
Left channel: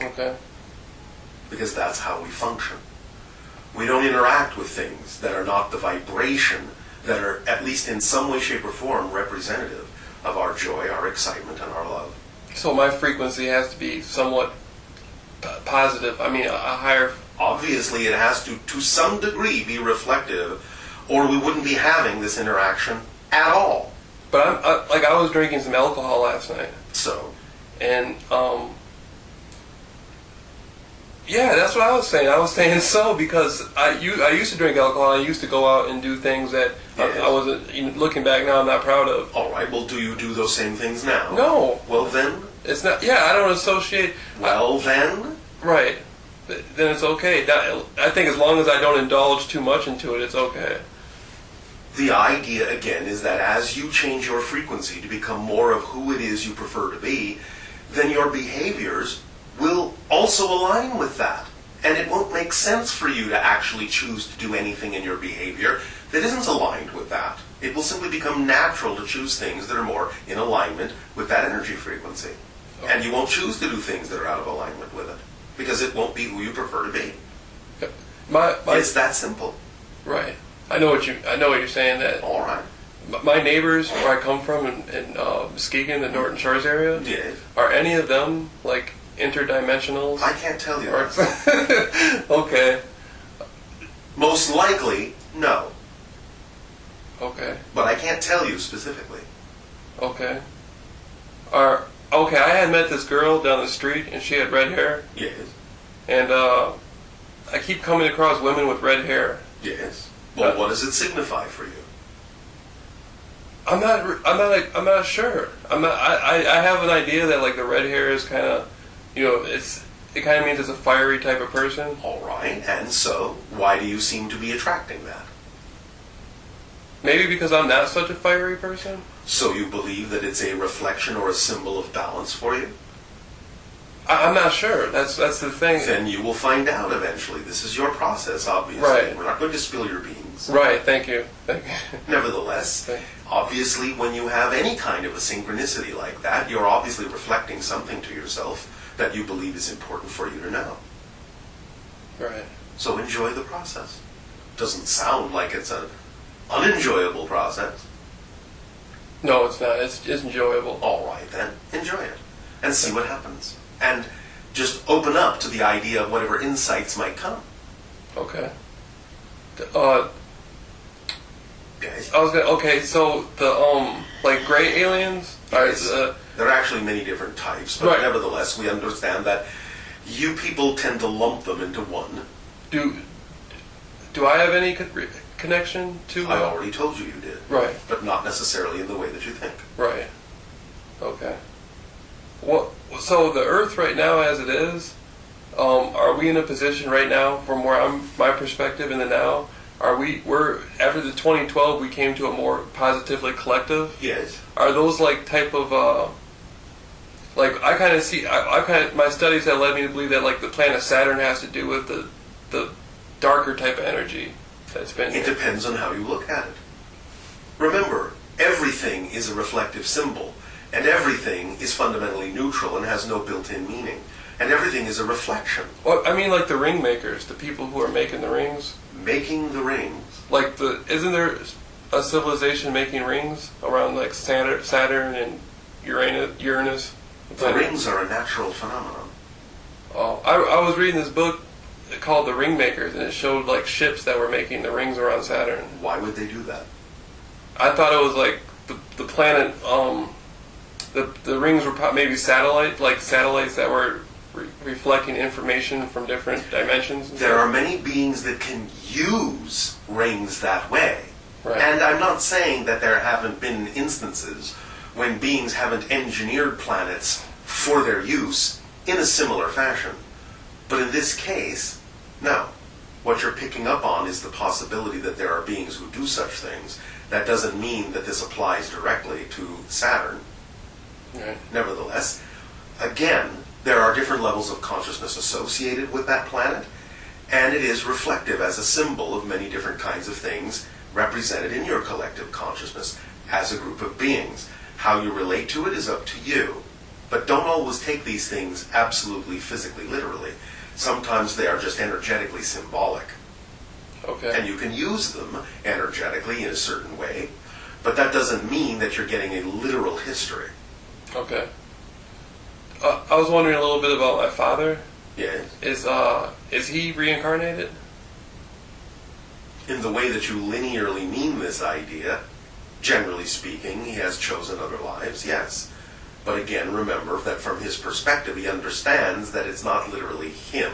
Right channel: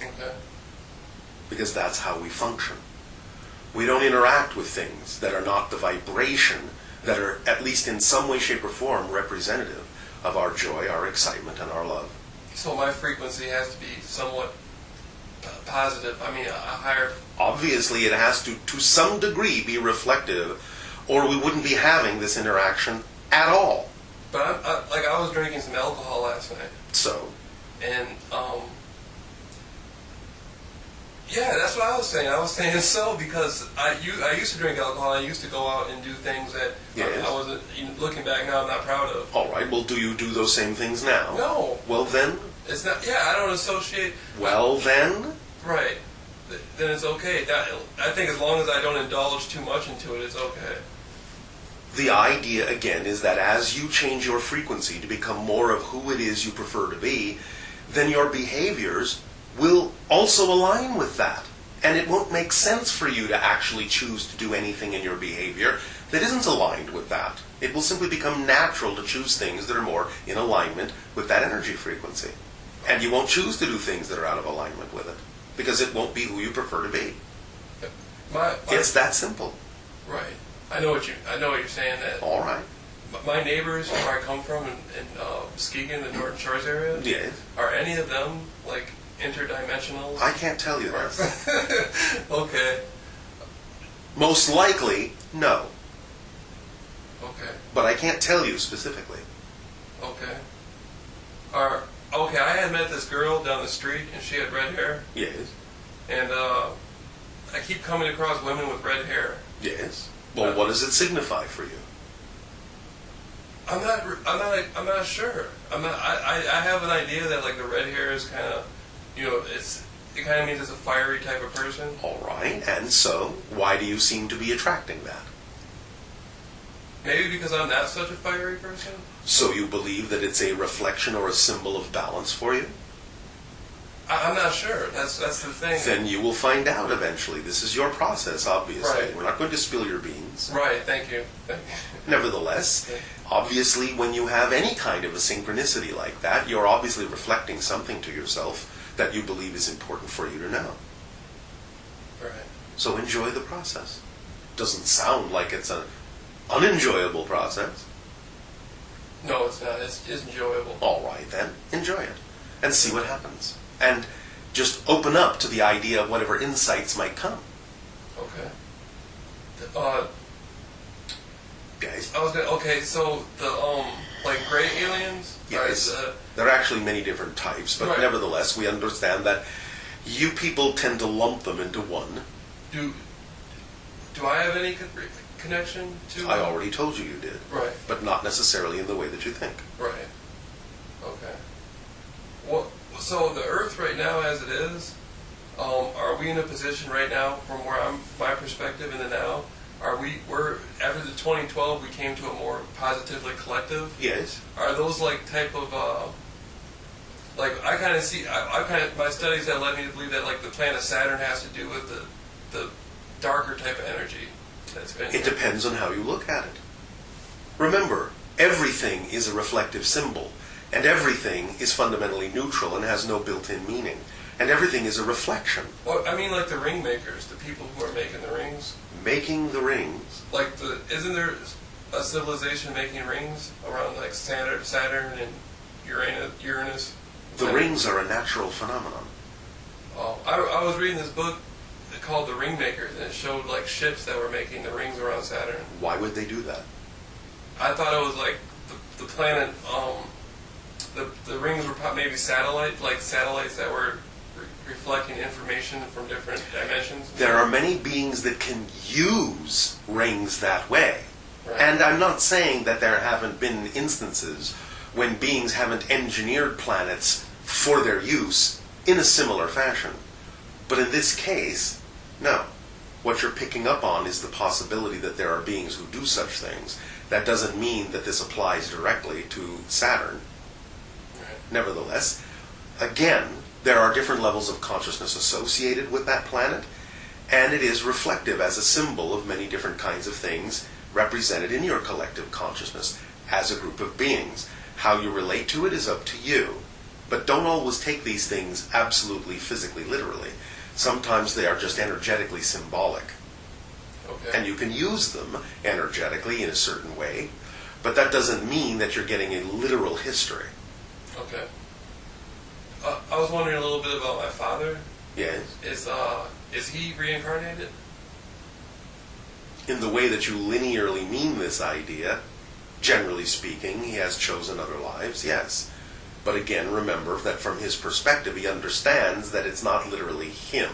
Okay. Because that's how we function. We don't interact with things that are not the vibration that are, at least in some way, shape, or form, representative of our joy, our excitement, and our love. So my frequency has to be somewhat positive. I mean, a higher... Obviously, it has to some degree, be reflective, or we wouldn't be having this interaction at all. But I was drinking some alcohol last night. So? And, yeah, that's what I was saying. I was saying so because I used to drink alcohol. I used to go out and do things that I wasn't, looking back now, I'm not proud of. All right, well, do you do those same things now? No. Well, then? It's not, I don't associate. Well, then? Right. Then it's okay. I think as long as I don't indulge too much into it, it's okay. The idea, again, is that as you change your frequency to become more of who it is you prefer to be, then your behaviors will also align with that. And it won't make sense for you to actually choose to do anything in your behavior that isn't aligned with that. It will simply become natural to choose things that are more in alignment with that energy frequency. And you won't choose to do things that are out of alignment with it, because it won't be who you prefer to be. It's that simple. Right. I know what you're saying. That all right. My neighbors, where I come from in Muskegon, the Norton Shores area, Yes. Are any of them like interdimensionals? I can't tell you that. Okay. Most likely, no. Okay. But I can't tell you specifically. Okay. Okay, I had met this girl down the street, and she had red hair. Yes. And I keep coming across women with red hair. Yes. Well, what does it signify for you? I'm not sure. I have an idea that like the red hair is kind of, it kind of means it's a fiery type of person. All right. And so, why do you seem to be attracting that? Maybe because I'm not such a fiery person. So you believe that it's a reflection or a symbol of balance for you? I'm not sure. That's the thing. Then you will find out eventually. This is your process, obviously. Right. We're not going to spill your beans. Right. Thank you. Nevertheless, obviously when you have any kind of a synchronicity like that, you're obviously reflecting something to yourself that you believe is important for you to know. Right. So enjoy the process. Doesn't sound like it's an unenjoyable process. No, it's not. It's enjoyable. All right, then. Enjoy it. And see what happens. And just open up to the idea of whatever insights might come. Okay. Guys? Okay, so the, like gray aliens? Yes. There are actually many different types, but right. Nevertheless, we understand that you people tend to lump them into one. Do I have any connection to... I already told you did. Right. But not necessarily in the way that you think. Right. Okay. Well, so the Earth right now as it is, are we in a position right now, from where my perspective in the now, we're after the 2012 we came to a more positively collective? Yes. Are those like type of, like I kind of see, my studies have led me to believe that like the planet Saturn has to do with the darker type of energy that's been... It depends on how you look at it. Remember, everything is a reflective symbol, and everything is fundamentally neutral and has no built-in meaning. And everything is a reflection. Well, I mean like the ring makers, the people who are making the rings. Making the rings. Like isn't there a civilization making rings around like Saturn and Uranus? The rings are a natural phenomenon. Oh, I was reading this book called The Ring Makers, and it showed like ships that were making the rings around Saturn. Why would they do that? I thought it was like the planet. The rings were maybe satellites that were reflecting information from different dimensions. There are many beings that can use rings that way. Right. And I'm not saying that there haven't been instances when beings haven't engineered planets for their use in a similar fashion. But in this case, no. What you're picking up on is the possibility that there are beings who do such things. That doesn't mean that this applies directly to Saturn. Right. Nevertheless, again, there are different levels of consciousness associated with that planet, and it is reflective as a symbol of many different kinds of things represented in your collective consciousness as a group of beings. How you relate to it is up to you. But don't always take these things absolutely physically literally. Sometimes they are just energetically symbolic. Okay. And you can use them energetically in a certain way, but that doesn't mean that you're getting a literal history. Okay. I was wondering a little bit about my father. Yes. Is he reincarnated? In the way that you linearly mean this idea, generally speaking, he has chosen other lives, yes. But again, remember that from his perspective, he understands that it's not literally him.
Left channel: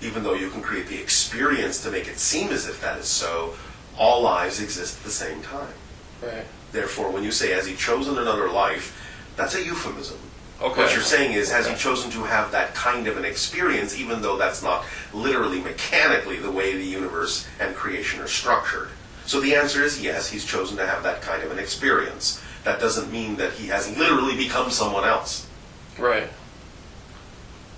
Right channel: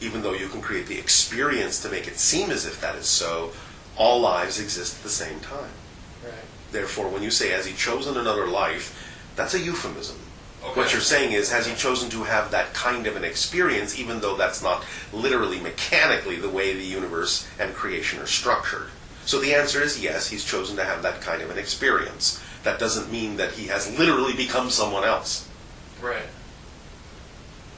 Even though you can create the experience to make it seem as if that is so, all lives exist at the same time. Right. Therefore, when you say, has he chosen another life, that's a euphemism. Okay. What you're saying is, has he chosen to have that kind of an experience, even though that's not literally mechanically the way the universe and creation are structured? So the answer is yes, he's chosen to have that kind of an experience. That doesn't mean that he has literally become someone else. Right.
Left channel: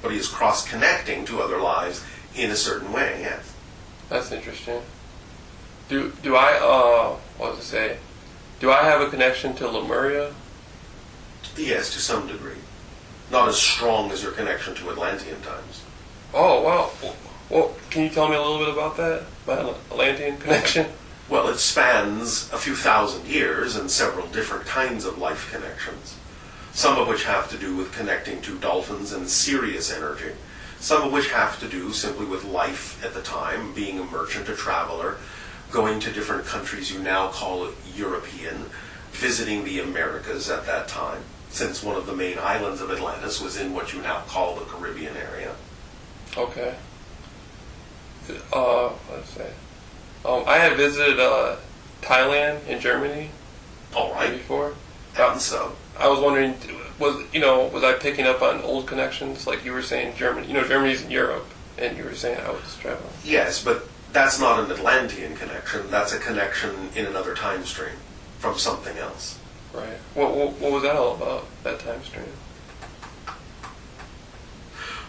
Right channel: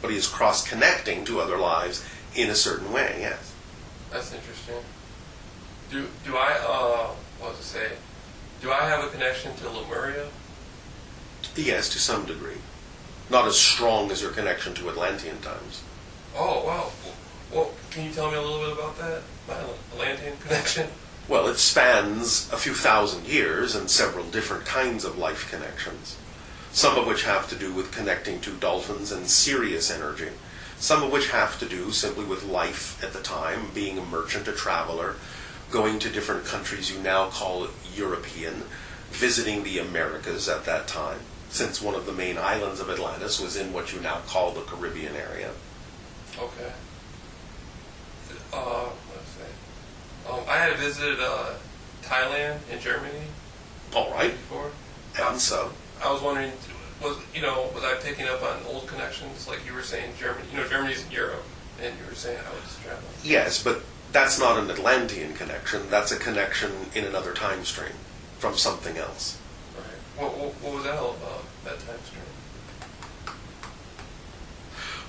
But he is cross-connecting to other lives in a certain way, yes. That's interesting. Do I, what was I say? Do I have a connection to Lemuria? Yes, to some degree. Not as strong as your connection to Atlantean times. Oh, wow. Well, can you tell me a little bit about that? My Atlantean connection? Well, it spans a few thousand years and several different kinds of life connections. Some of which have to do with connecting to dolphins and Sirius energy. Some of which have to do simply with life at the time, being a merchant, a traveler, going to different countries you now call European, visiting the Americas at that time, since one of the main islands of Atlantis was in what you now call the Caribbean area. Okay. Let's say. I had visited Thailand in Germany. All right. Before. And so? I was wondering, was I picking up on old connections? Like you were saying, Germany. Germany's in Europe, and you were saying I was traveling. Yes, but that's not an Atlantean connection. That's a connection in another time stream from something else. Right. What was that all about, that time stream?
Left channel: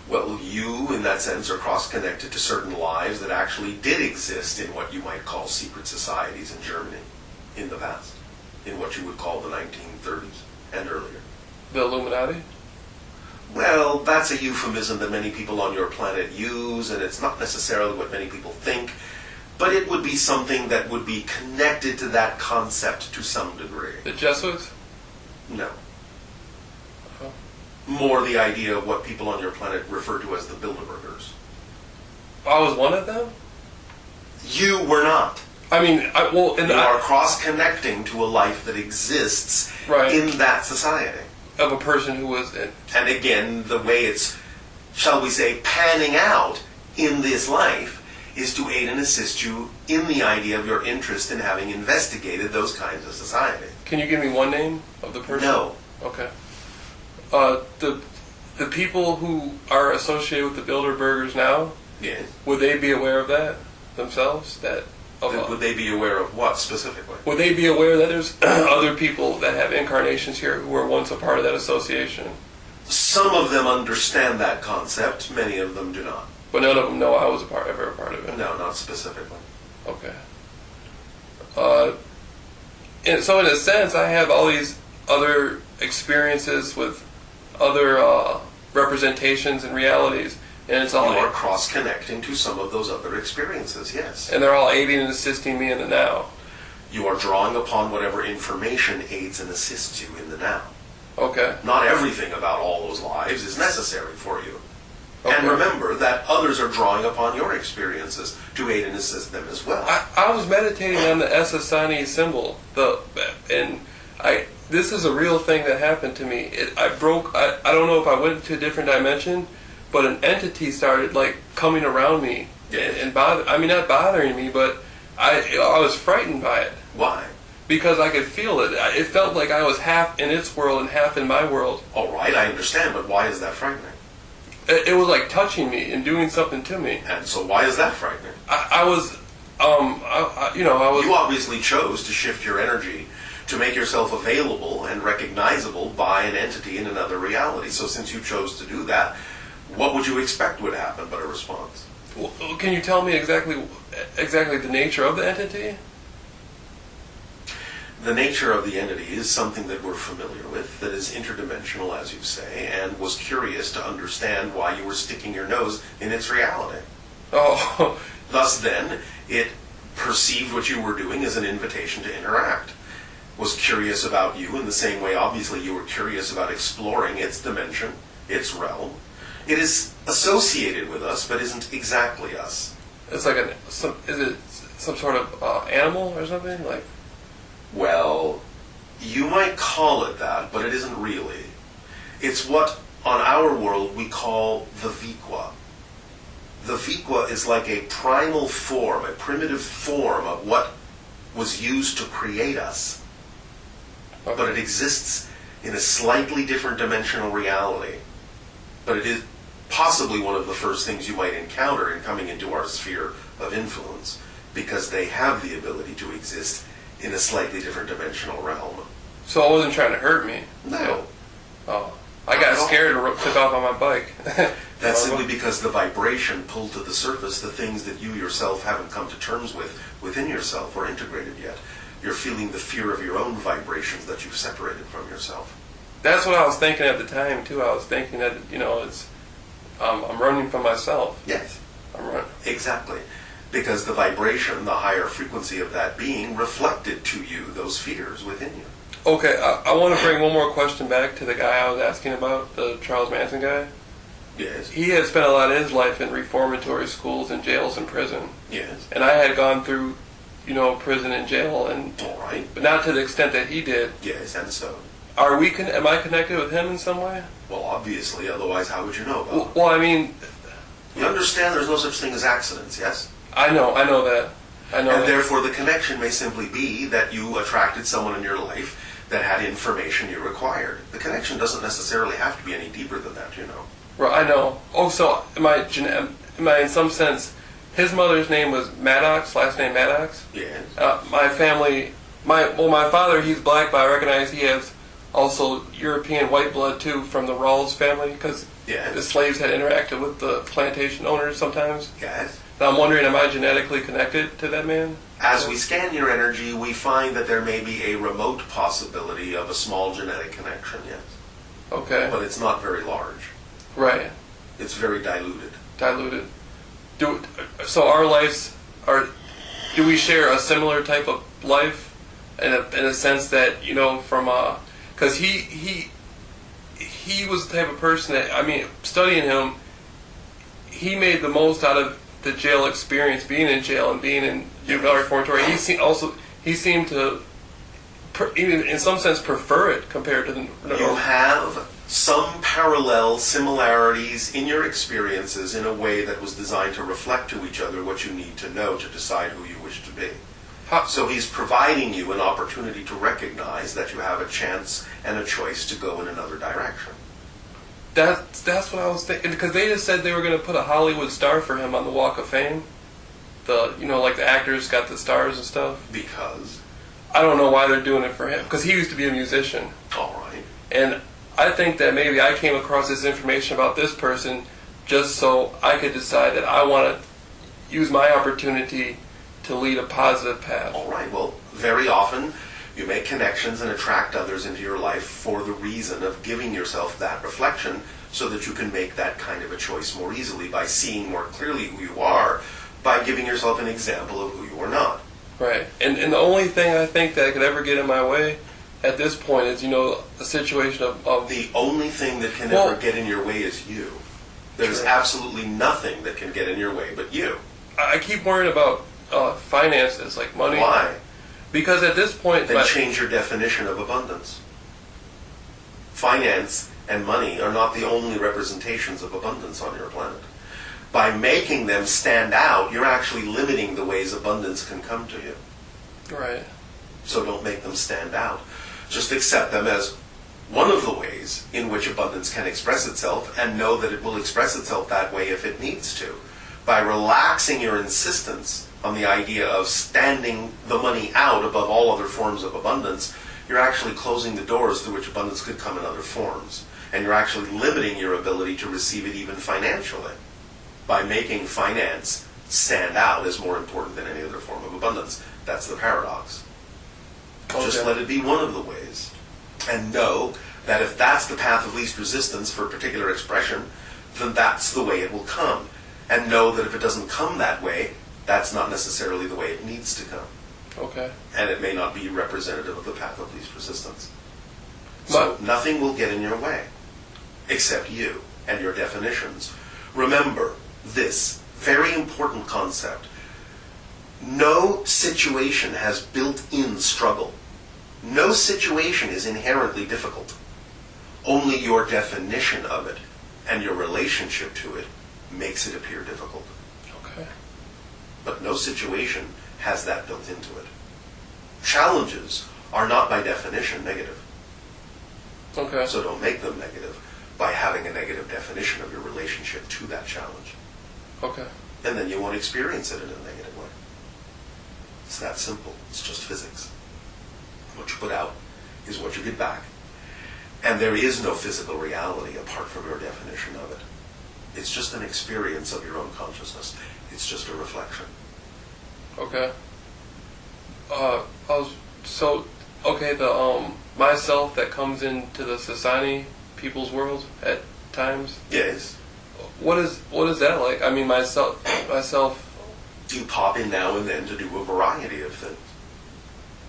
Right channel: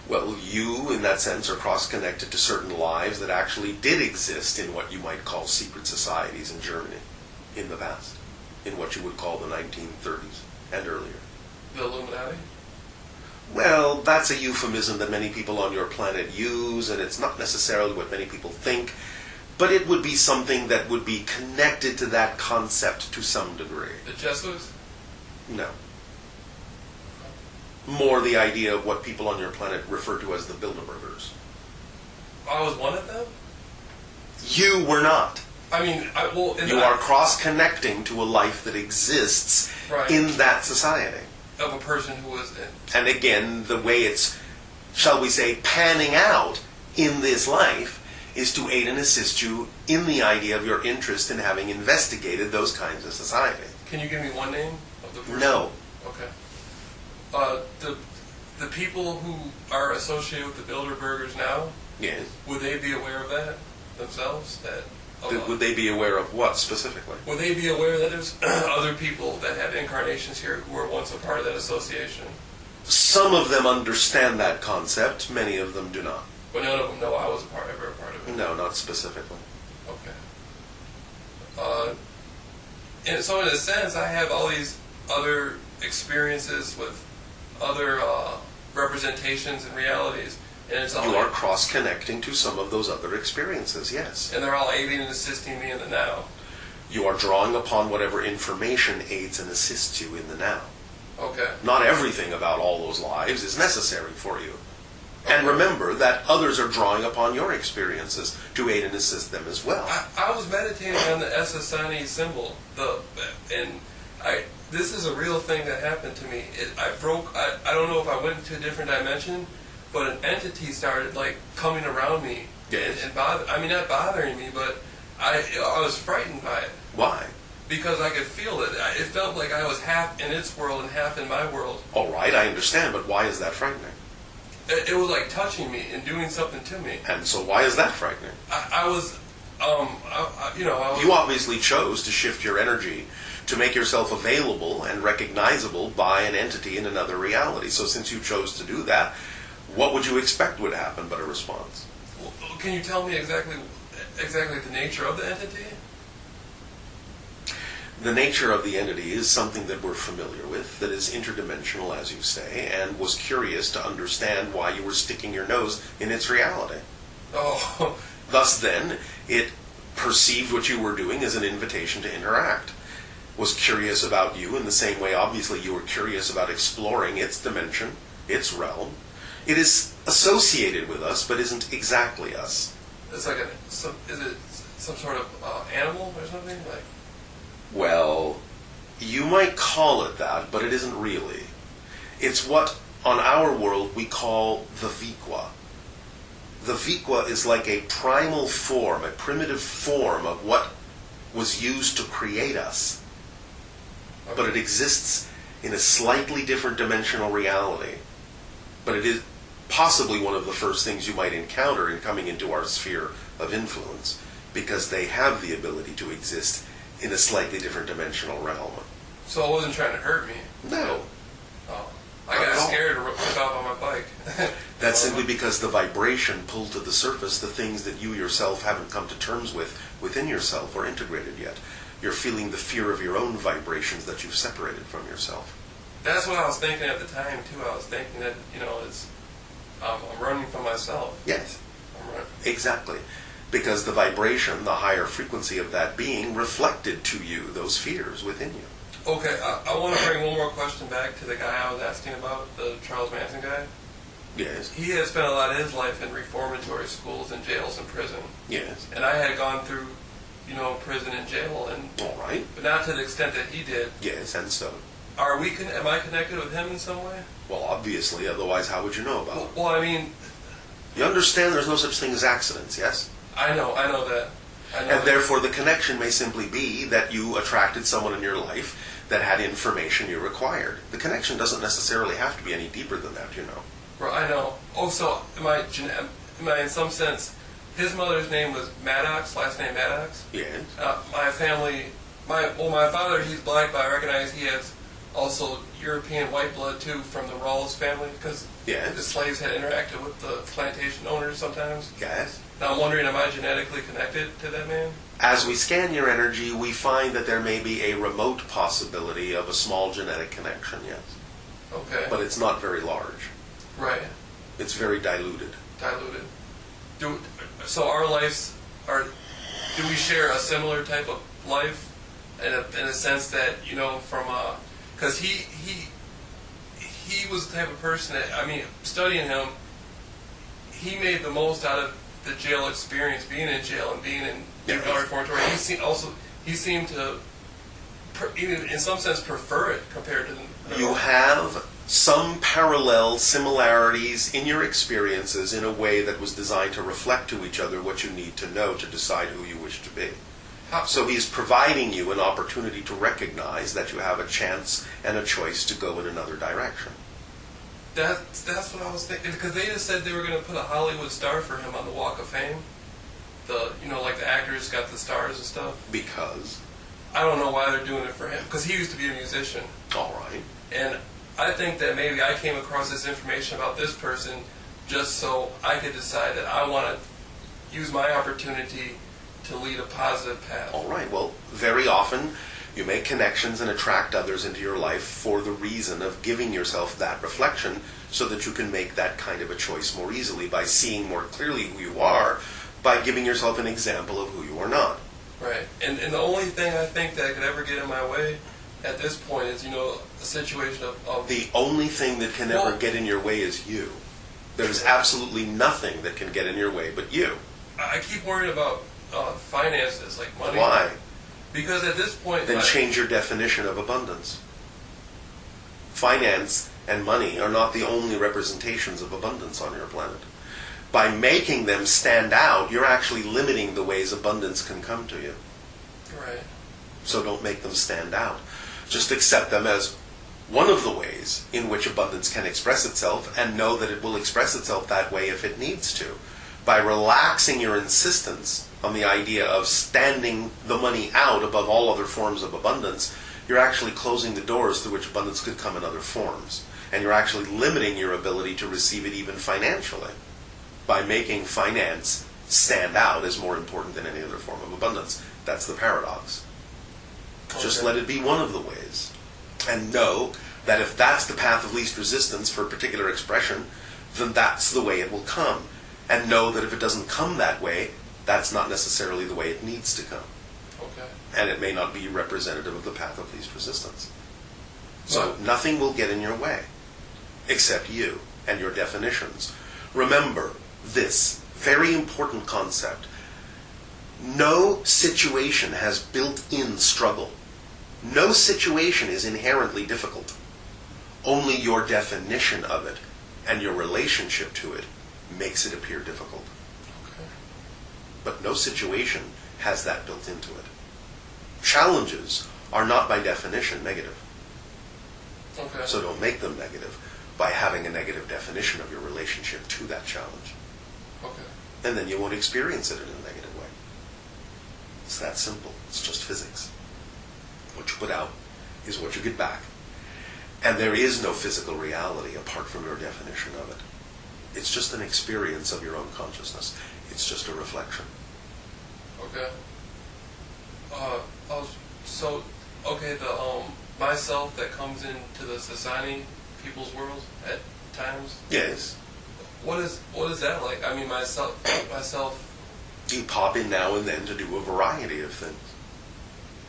Well, you, in that sense, are cross-connected to certain lives that actually did exist in what you might call secret societies in Germany in the past, in what you would call the 1930s and earlier. The Illuminati? Well, that's a euphemism that many people on your planet use, and it's not necessarily what many people think, but it would be something that would be connected to that concept to some degree. The Jesuits? No. More the idea of what people on your planet refer to as the Bilderbergers. I was one of them? You were not. I mean, you are cross-connecting to a life that exists in that society. Of a person who was in. And again, the way it's, shall we say, panning out in this life is to aid and assist you in the idea of your interest in having investigated those kinds of society. Can you give me one name of the person? No. Okay. The people who are associated with the Bilderbergers now, yes, would they be aware of that themselves? Would they be aware of what specifically? Would they be aware that there's other people that have incarnations here who were once a part of that association? Some of them understand that concept, many of them do not. But none of them know I was ever a part of it? No, not specifically. Okay. And so in a sense, I have all these other experiences with other representations and realities, and it's all you are cross-connecting to some of those other experiences, yes. And they're all aiding and assisting me in the now. You are drawing upon whatever information aids and assists you in the now. Okay. Not everything about all those lives is necessary for you. Okay. And remember that others are drawing upon your experiences to aid and assist them as well. I was meditating on the Essassani symbol, this is a real thing that happened to me. I don't know if I went into a different dimension, but an entity started coming around me. Yes. And not bothering me, but I was frightened by it. Why? Because I could feel it. It felt like I was half in its world and half in my world. All right, I understand, but why is that frightening? It was like touching me and doing something to me. And so why is that frightening? You obviously chose to shift your energy to make yourself available and recognizable by an entity in another reality. So since you chose to do that, what would you expect would happen but a response? Well, can you tell me exactly the nature of the entity? The nature of the entity is something that we're familiar with, that is interdimensional, as you say, and was curious to understand why you were sticking your nose in its reality. Oh. Thus then, it perceived what you were doing as an invitation to interact. Was curious about you in the same way, obviously, you were curious about exploring its dimension, its realm. It is associated with us, but isn't exactly us. It's like is it some sort of animal or something? Well, you might call it that, but it isn't really. It's what, on our world, we call the Viqua. The Viqua is like a primal form, a primitive form of what was used to create us. Okay. But it exists in a slightly different dimensional reality. But it is possibly one of the first things you might encounter in coming into our sphere of influence, because they have the ability to exist in a slightly different dimensional realm. So it wasn't trying to hurt me? No. Oh. I got scared and took off on my bike. That's simply because the vibration pulled to the surface the things that you yourself haven't come to terms with within yourself or integrated yet. You're feeling the fear of your own vibrations that you've separated from yourself. That's what I was thinking at the time too. I was thinking that it's I'm running from myself. Yes. I'm running. Exactly. Because the vibration, the higher frequency of that being reflected to you those fears within you. Okay, I want to bring one more question back to the guy I was asking about, the Charles Manson guy. Yes. He had spent a lot of his life in reformatory schools and jails and prison. Yes. And I had gone through, prison and jail, All right. but not to the extent that he did. Yes, and so. Am I connected with him in some way? Well, obviously, otherwise how would you know about it? Well, I mean... You understand there's no such thing as accidents, yes? I know that. And therefore the connection may simply be that you attracted someone in your life that had information you required. The connection doesn't necessarily have to be any deeper than that, Right, I know. Oh, so am I in some sense, his mother's name was Maddox, last name Maddox? Yes. My family, my father, he's black, but I recognize he has also European white blood too from the Rawls family, because yes. the slaves had interacted with the plantation owners sometimes. Yes. Now I'm wondering, am I genetically connected to that man? As we scan your energy, we find that there may be a remote possibility of a small genetic connection, yes. Okay. But it's not very large. Right. It's very diluted. Diluted. So our lives are... Do we share a similar type of life in a sense that, from... Because he was the type of person that, studying him, he made the most out of the jail experience, being in jail and being in juvenile reformatory. He seemed to, even in some sense, prefer it compared to the You have some parallel similarities in your experiences in a way that was designed to reflect to each other what you need to know to decide who you wish to be. So he's providing you an opportunity to recognize that you have a chance and a choice to go in another direction. That's what I was thinking, because they just said they were going to put a Hollywood star for him on the Walk of Fame. Like the actors got the stars and stuff. Because? I don't know why they're doing it for him, because he used to be a musician. All right. And I think that maybe I came across this information about this person just so I could decide that I want to use my opportunity to lead a positive path. All right. Well, very often you make connections and attract others into your life for the reason of giving yourself that reflection so that you can make that kind of a choice more easily by seeing more clearly who you are, by giving yourself an example of who you are not. Right. And the only thing I think that could ever get in my way at this point is, a situation of... The only thing that can ever get in your way is you. There's absolutely nothing that can get in your way but you. I keep worrying about finances, like money. Why? Because at this point... Then change your definition of abundance. Finance and money are not the only representations of abundance on your planet. By making them stand out, you're actually limiting the ways abundance can come to you. Right. So don't make them stand out. Just accept them as one of the ways in which abundance can express itself, and know that it will express itself that way if it needs to. By relaxing your insistence on the idea of standing the money out above all other forms of abundance, you're actually closing the doors through which abundance could come in other forms. And you're actually limiting your ability to receive it even financially by making finance stand out as more important than any other form of abundance. That's the paradox. Okay. Just let it be one of the ways. And know that if that's the path of least resistance for a particular expression, then that's the way it will come. And know that if it doesn't come that way, that's not necessarily the way it needs to come. Okay. And it may not be representative of the path of least resistance. So nothing will get in your way, except you and your definitions. Remember this very important concept. No situation has built-in struggle. No situation is inherently difficult. Only your definition of it and your relationship to it makes it appear difficult. Okay. But no situation has that built into it. Challenges are not by definition negative. Okay. So don't make them negative by having a negative definition of your relationship to that challenge. Okay. And then you won't experience it in a negative way. It's that simple. It's just physics. What you put out is what you get back. And there is no physical reality apart from your definition of it. It's just an experience of your own consciousness. It's just a reflection. Okay. I was So, okay, the myself that comes into the society, people's world at times. Yes. What is that like? I mean, myself. You pop in now and then to do a variety of things.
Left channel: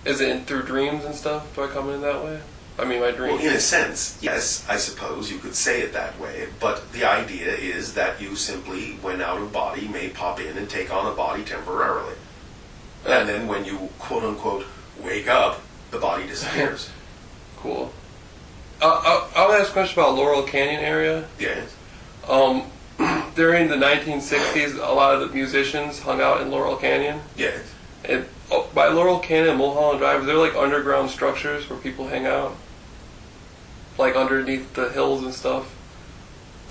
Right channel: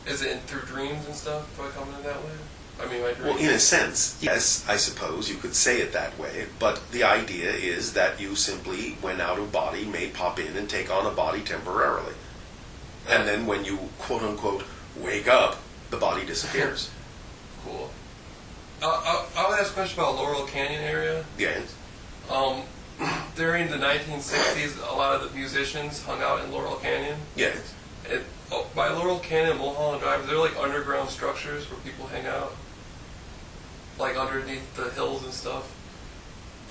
Is it through dreams and stuff? Do I come in that way? I mean, my dreams. Well, in a sense, yes, I suppose you could say it that way. But the idea is that you simply, when out of body, may pop in and take on a body temporarily. And then when you, quote unquote, wake up, the body disappears. Cool. I'll ask a question about Laurel Canyon area. Yes. During the 1960s, a lot of the musicians hung out in Laurel Canyon. Yes. By Laurel Canyon and Mulholland Drive, they're like underground structures where people hang out, like underneath the hills and stuff.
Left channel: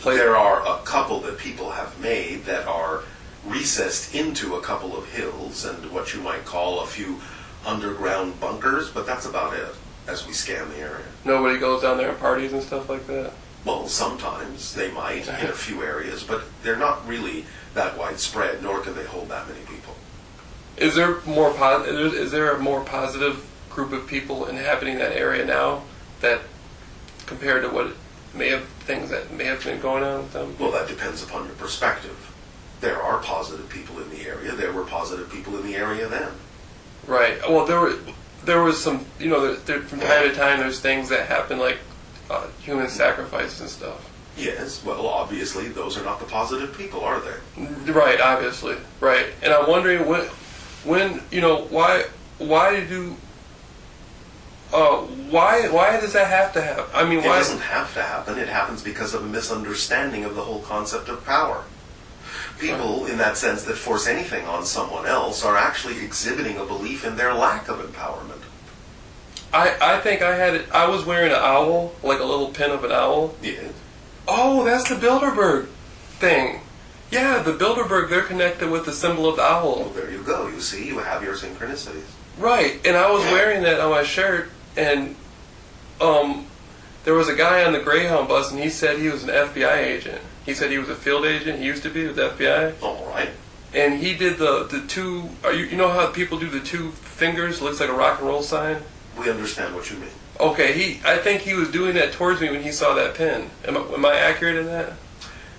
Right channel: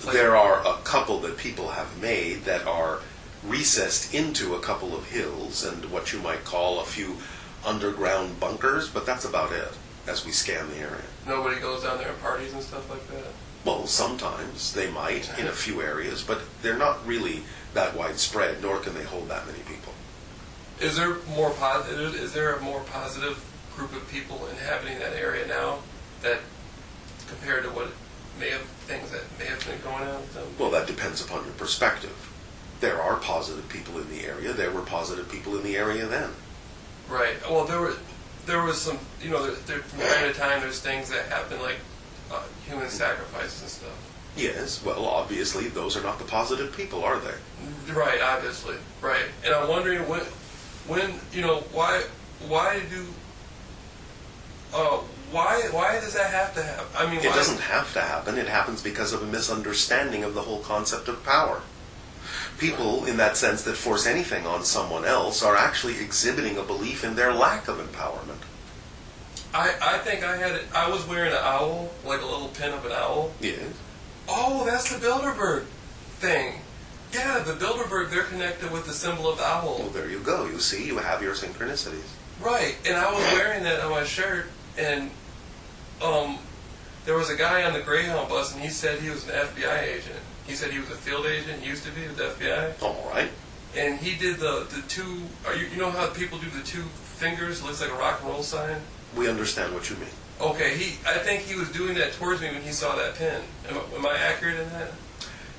Like, there are a couple that people have made that are recessed into a couple of hills and what you might call a few underground bunkers, but that's about it as we scan the area. Nobody goes down there and parties and stuff like that? Well, sometimes they might in a few areas, but they're not really that widespread, nor can they hold that many people. Is there a more positive group of people inhabiting that area now that compared to what things that may have been going on with them? Well, that depends upon your perspective. There are positive people in the area. There were positive people in the area then. Right. Well, there was some, from time to time there's things that happen like human sacrifices and stuff. Yes, well, obviously those are not the positive people, are they? Right, obviously. Right. And I'm wondering when why does that have to happen? I mean, it doesn't have to happen. It happens because of a misunderstanding of the whole concept of power. People, in that sense, that force anything on someone else are actually exhibiting a belief in their lack of empowerment. I think I was wearing an owl, like a little pin of an owl. Yes. Oh, that's the Bilderberg thing. Yeah, the Bilderberg, they're connected with the symbol of the owl. Well, there you go. You see, you have your synchronicities. Right, and I was wearing that on my shirt, and there was a guy on the Greyhound bus, and he said he was an FBI agent. He said he was a field agent. He used to be with the FBI. All right. And he did the two. You know how people do the two fingers? Looks like a rock and roll sign. We understand what you mean. Okay, I think he was doing that towards me when he saw that pin. Am I accurate in that?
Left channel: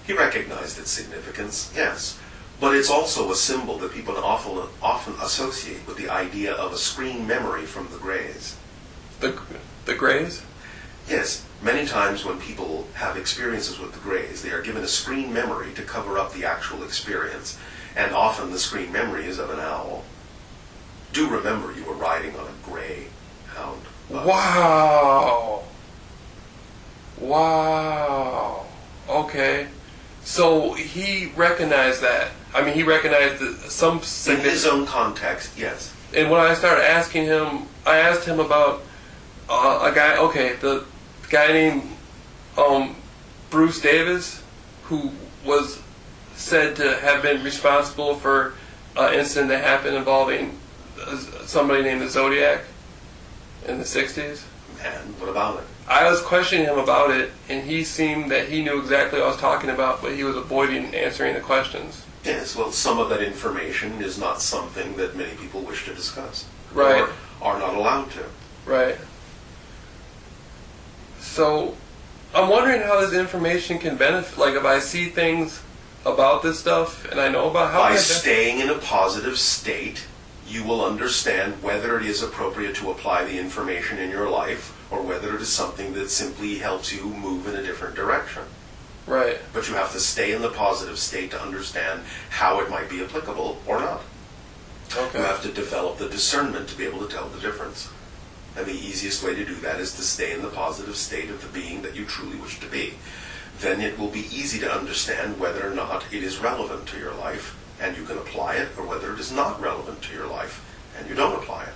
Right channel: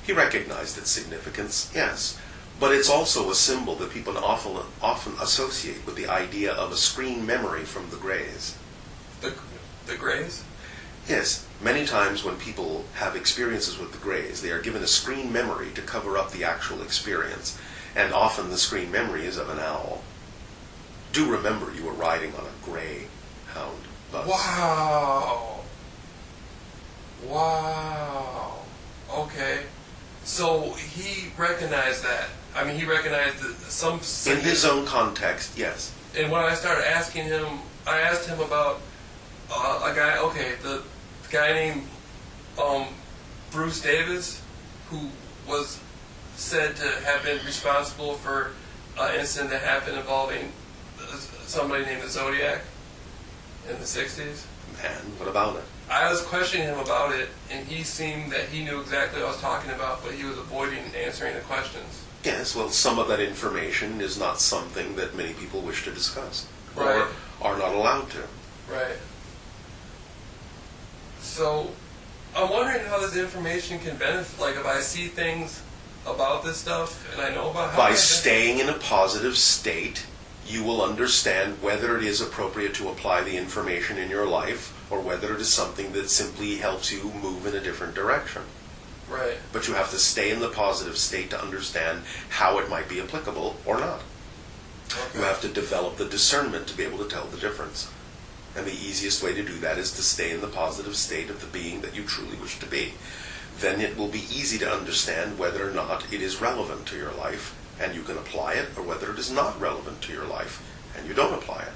He recognized its significance, yes. But it's also a symbol that people often associate with the idea of a screen memory from the Greys. The Greys? Yes. Many times when people have experiences with the Greys, they are given a screen memory to cover up the actual experience. And often the screen memory is of an owl. Do remember you were riding on a Greyhound bus. Wow. Okay. So he recognized that. I mean, he recognized some... In his own context, yes. And when I started asking him, I asked him about a guy, the guy named Bruce Davis, who was said to have been responsible for an incident that happened involving somebody named the Zodiac in the 60s. And what about it? I was questioning him about it, and he seemed that he knew exactly what I was talking about, but he was avoiding answering the questions. Yes, well, some of that information is not something that many people wish to discuss. Right. Or are not allowed to. Right. So, I'm wondering how this information can benefit, like if I see things about this stuff, and I know about how... By staying in a positive state, you will understand whether it is appropriate to apply the information in your life, or whether it is something that simply helps you move in a different direction. Right. But you have to stay in the positive state to understand how it might be applicable or not. Okay. You have to develop the discernment to be able to tell the difference. And the easiest way to do that is to stay in the positive state of the being that you truly wish to be. Then it will be easy to understand whether or not it is relevant to your life, and you can apply it, or whether it is not relevant to your life, and you don't apply it.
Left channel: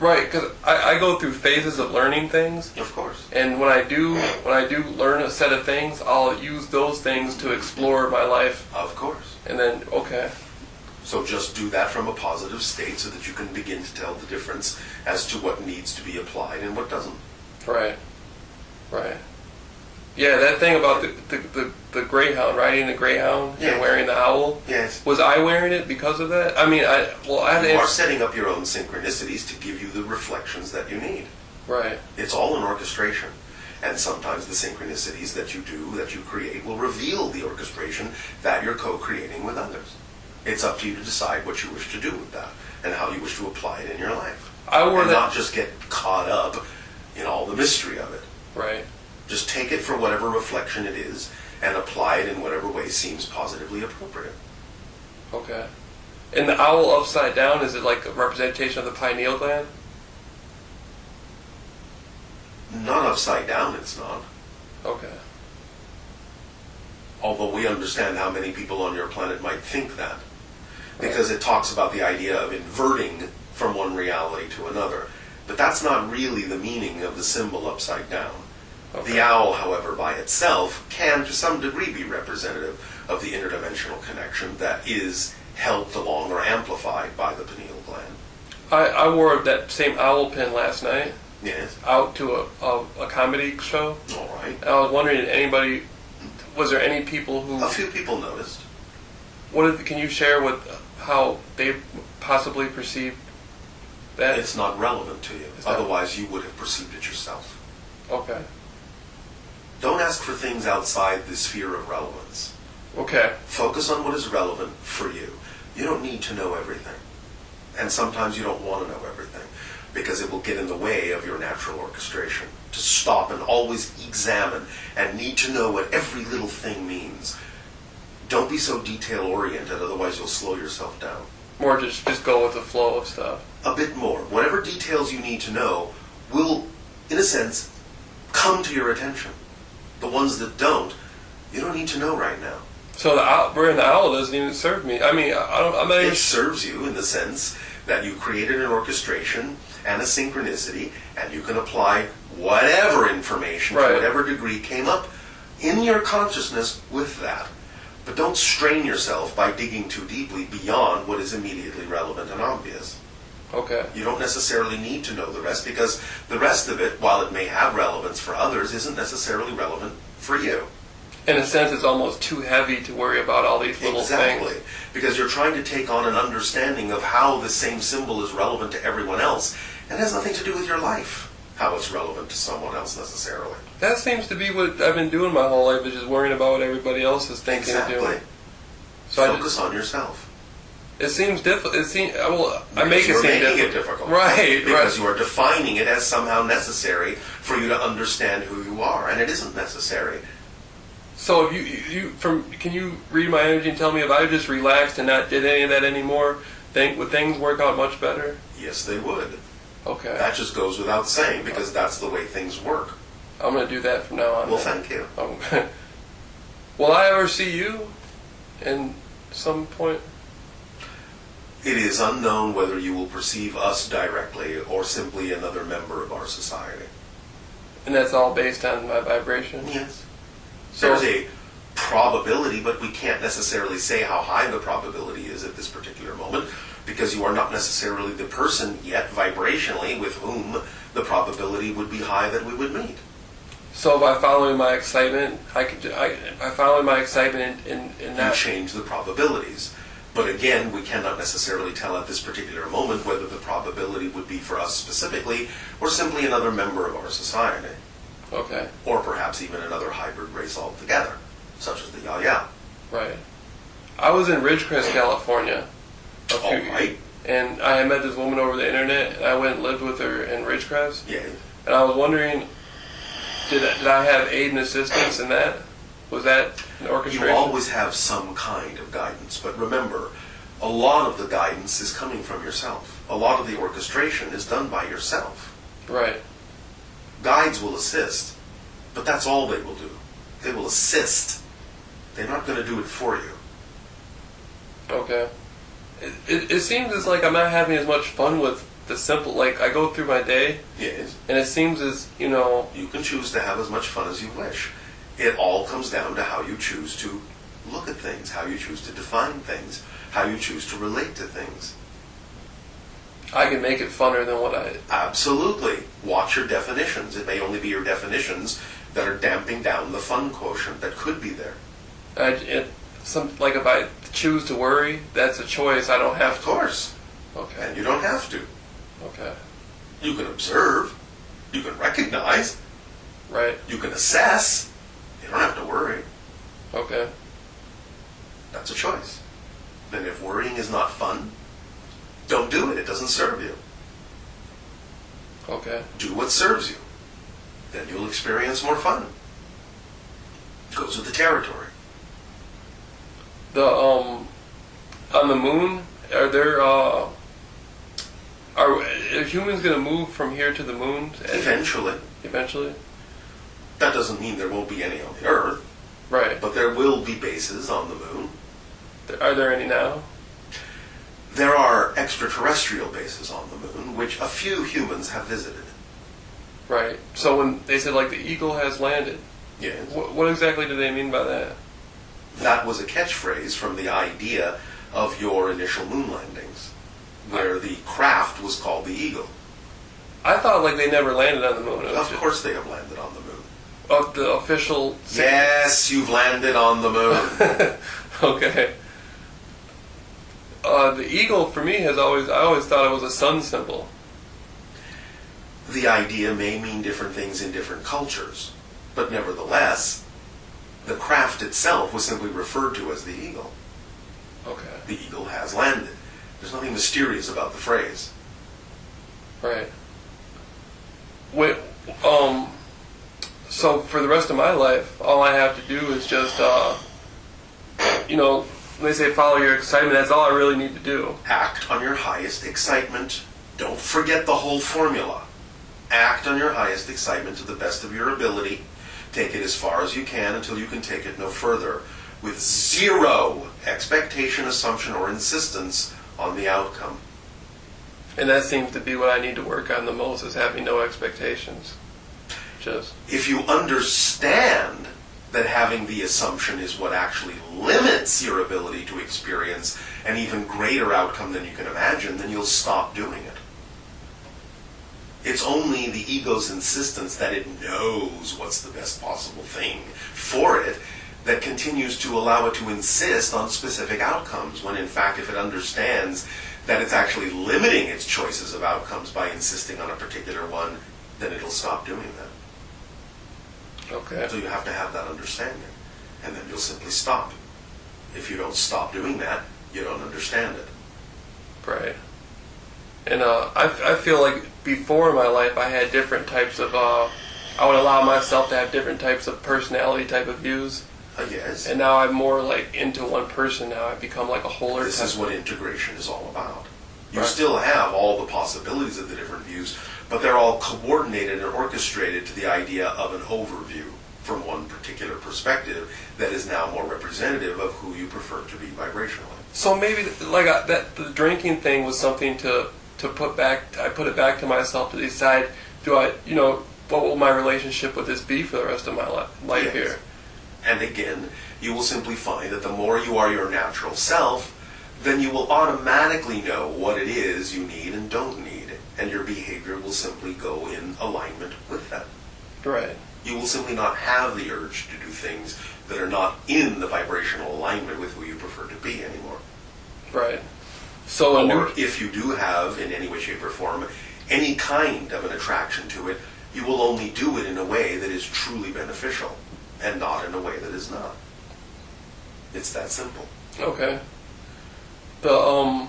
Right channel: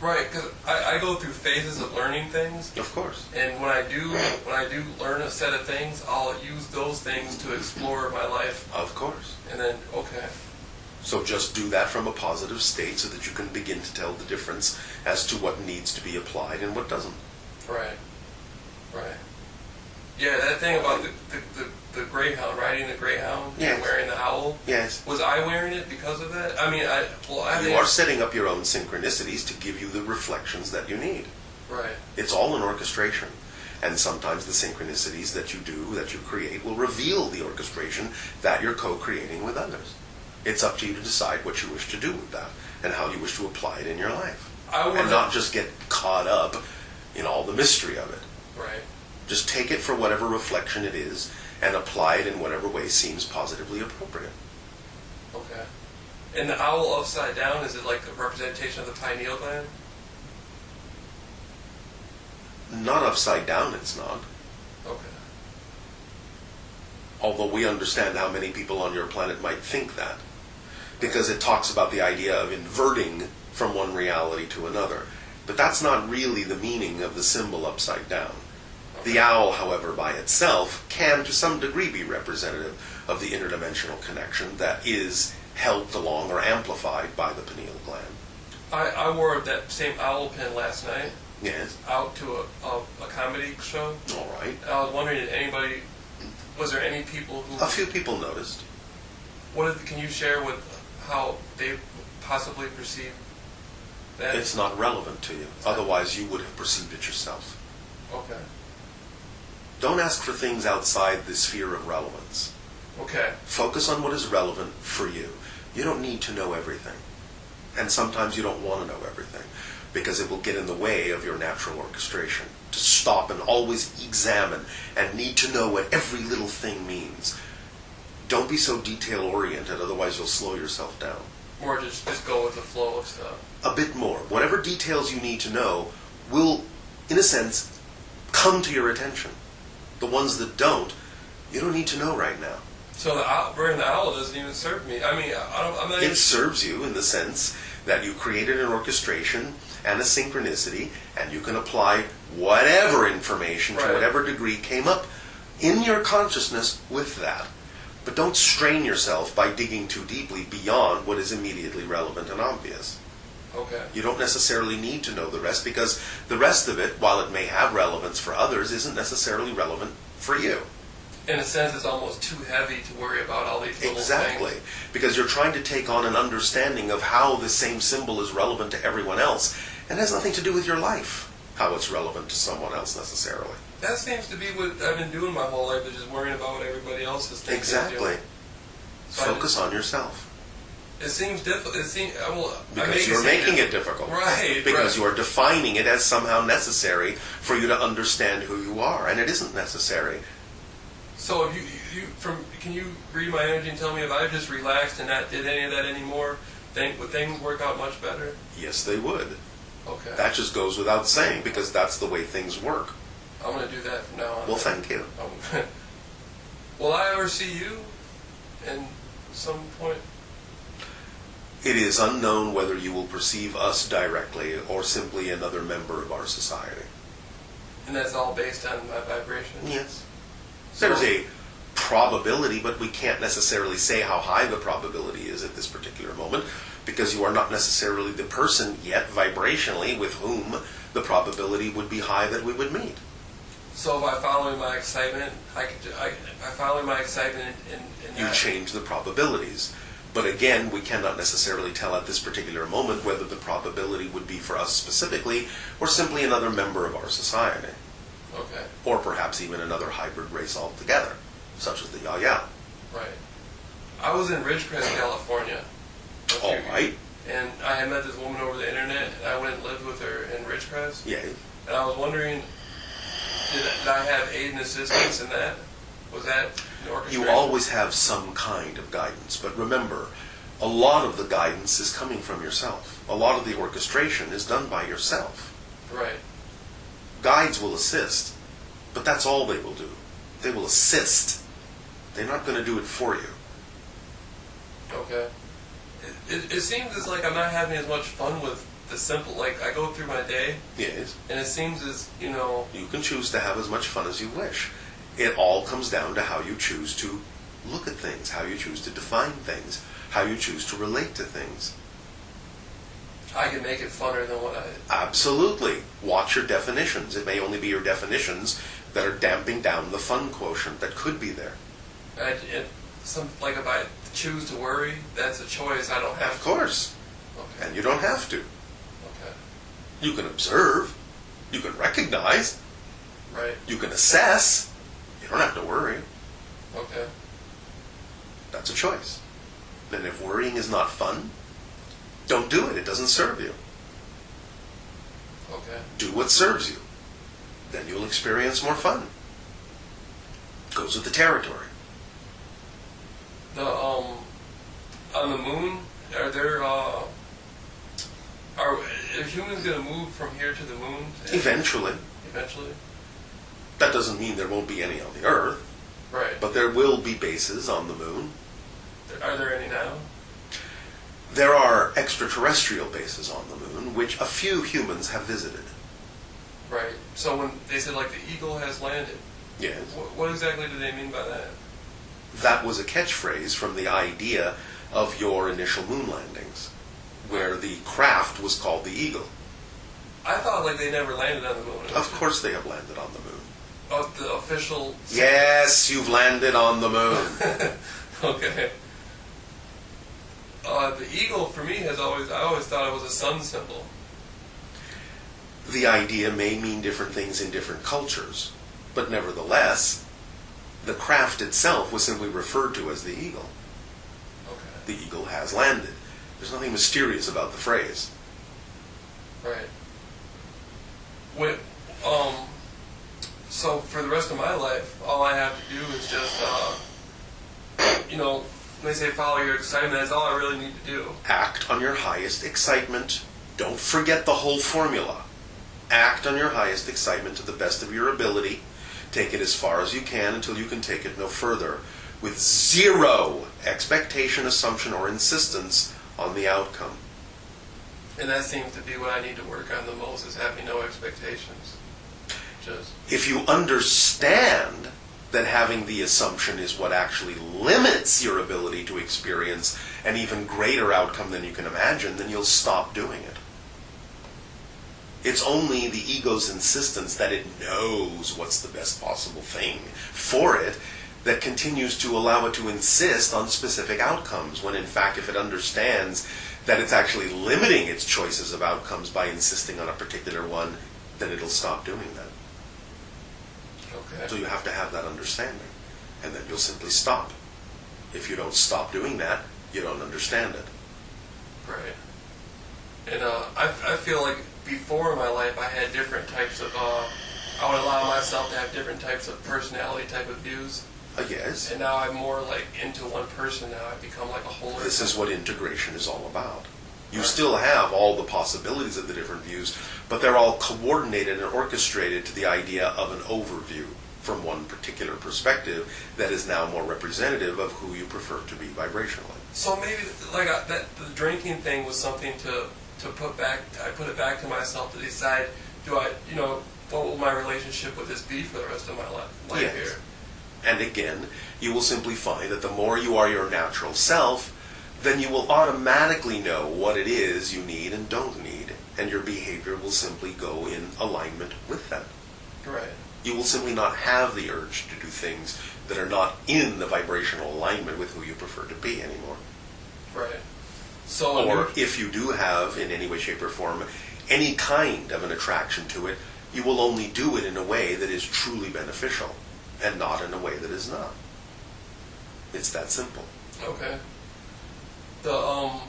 Right, because I go through phases of learning things. Of course. And when I do learn a set of things, I'll use those things to explore my life. Of course. And then, okay. So just do that from a positive state so that you can begin to tell the difference as to what needs to be applied and what doesn't. Right. Right. Yeah, that thing about the greyhound, riding the greyhound Yes. and wearing the owl. Yes. Was I wearing it because of that? I mean, You are setting up your own synchronicities to give you the reflections that you need. Right. It's all an orchestration. And sometimes the synchronicities that you create, will reveal the orchestration that you're co-creating with others. It's up to you to decide what you wish to do with that and how you wish to apply it in your life. Not just get caught up in all the mystery of it. Right. Just take it for whatever reflection it is and apply it in whatever way seems positively appropriate. Okay. And the owl upside down, is it like a representation of the pineal gland? Not upside down, it's not. Okay. Although we understand how many people on your planet might think that. Because it talks about the idea of inverting from one reality to another. But that's not really the meaning of the symbol upside down. Okay. The owl, however, by itself can to some degree be representative of the interdimensional connection that is helped along or amplified by the pineal gland. I wore that same owl pin last night. Yes. Out to a comedy show. All right. And I was wondering, was there any people who... A few people noticed. Can you share how they possibly perceived that? It's not relevant to you. Otherwise, you would have perceived it yourself. Okay. Don't ask for things outside the sphere of relevance. Okay. Focus on what is relevant for you. You don't need to know everything. And sometimes you don't want to know everything, because it will get in the way of your natural orchestration. To stop and always examine and need to know what every little thing means. Don't be so detail-oriented, otherwise you'll slow yourself down. More just go with the flow of stuff. A bit more. Whatever details you need to know will, in a sense, come to your attention. The ones that don't, you don't need to know right now. So wearing the owl doesn't even serve me. I mean, It serves you in the sense that you created an orchestration and a synchronicity, and you can apply whatever information to whatever degree came up in your consciousness with that. But don't strain yourself by digging too deeply beyond what is immediately relevant and obvious. Okay. You don't necessarily need to know the rest, because the rest of it, while it may have relevance for others, isn't necessarily relevant for you. In a sense, it's almost too heavy to worry about all these little Exactly. things. Because you're trying to take on an understanding of how the same symbol is relevant to everyone else, and it has nothing to do with your life, how it's relevant to someone else necessarily. That seems to be what I've been doing my whole life, is just worrying about what everybody else is thinking. Exactly. So focus on yourself. It seems difficult. You're making it difficult. Right. Because you are defining it as somehow necessary for you to understand who you are, and it isn't necessary. So if can you read my energy and tell me if I just relaxed and not did any of that anymore, would things work out much better? Yes, they would. Okay. That just goes without saying, because that's the way things work. I'm going to do that from now on. Well, thank you. Will I ever see you in some point? It is unknown whether you will perceive us directly or simply another member of our society. And that's all based on my vibration? Yes. There's a probability, but we can't necessarily say how high the probability is at this particular moment, because you are not necessarily the person yet vibrationally with whom the probability would be high that we would meet. So by following my excitement, by following my excitement in that... You change the probabilities. But again, we cannot necessarily tell at this particular moment whether the probability would be for us specifically, or simply another member of our society. Okay. Or perhaps even another hybrid race altogether, such as the Yaya. Right. I was in Ridgecrest, California. All right. And I had met this woman over the internet, and I went and lived with her in Ridgecrest. Yeah. And I was wondering, did I have aid and assistance in that? Was that an orchestration? You always have some kind of guidance, but remember, a lot of the guidance is coming from yourself. A lot of the orchestration is done by yourself. Right. Guides will assist, but that's all they will do. They will assist. They're not going to do it for you. Okay. It seems as like I'm not having as much fun with the simple, like I go through my day. Yes. And it seems as, You can choose to have as much fun as you wish. It all comes down to how you choose to look at things, how you choose to define things, how you choose to relate to things. I can make it funner than what I... Absolutely. Watch not your definitions. It may only be your definitions that are damping down the fun quotient that could be there. Like if I choose to worry, that's a choice. I don't have Of to. course. Okay. And you don't have to. Okay. You can observe. You can recognize. Right. You can assess. You don't have to worry. Okay. That's a choice. Then if worrying is not fun, don't do it. It doesn't serve you. Okay. Do what serves you. Then you'll experience more fun. Goes with the territory. On the moon, are humans going to move from here to the moon? Eventually. Eventually? That doesn't mean there won't be any on the Earth, Right. but there will be bases on the moon. Are there any now? There are extraterrestrial bases on the moon, which a few humans have visited. Right. So when they said, like, the Eagle has landed, Yes. what exactly do they mean by that? That was a catchphrase from the idea of your initial moon landings, where the craft was called the Eagle. I thought, like, they never landed on the moon. Of course they have landed on the moon. The official... Yes, you've landed on the moon. Okay. The eagle, for me, I always thought it was a sun symbol. The idea may mean different things in different cultures, but nevertheless, the craft itself was simply referred to as the Eagle. Okay. The Eagle has landed. There's nothing mysterious about the phrase. Right. So for the rest of my life, all I have to do is just, when they say follow your excitement, that's all I really need to do. Act on your highest excitement. Don't forget the whole formula. Act on your highest excitement to the best of your ability. Take it as far as you can until you can take it no further, with zero expectation, assumption, or insistence on the outcome. And that seems to be what I need to work on the most, is having no expectations. If you understand that having the assumption is what actually limits your ability to experience an even greater outcome than you can imagine, then you'll stop doing it. It's only the ego's insistence that it knows what's the best possible thing for it that continues to allow it to insist on specific outcomes, when in fact, if it understands that it's actually limiting its choices of outcomes by insisting on a particular one, then it'll stop doing that. Okay. So you have to have that understanding, and then you'll simply stop. If you don't stop doing that, you don't understand it. Right. And I feel like before in my life I had different types of, I would allow myself to have different types of personality type of views. Yes. And now I'm more like into one person now. I've become like a wholer. This is what integration is all about. You Right. still have all the possibilities of the different views, but they're all coordinated and orchestrated to the idea of an overview from one particular perspective that is now more representative of who you prefer to be vibrationally. So maybe like that the drinking thing was something to put back. I put it back to myself to decide, what will my relationship with this be for the rest of my life Yes. here? And again, you will simply find that the more you are your natural self, then you will automatically know what it is you need and don't need, and your behavior will simply go in alignment with that. Right. You will simply not have the urge to do things that are not in the vibrational alignment with who you prefer to be anymore. Right. So Or if you do have, in any way, shape, or form, any kind of an attraction to it, you will only do it in a way that is truly beneficial, and not in a way that is not. It's that simple. Okay. The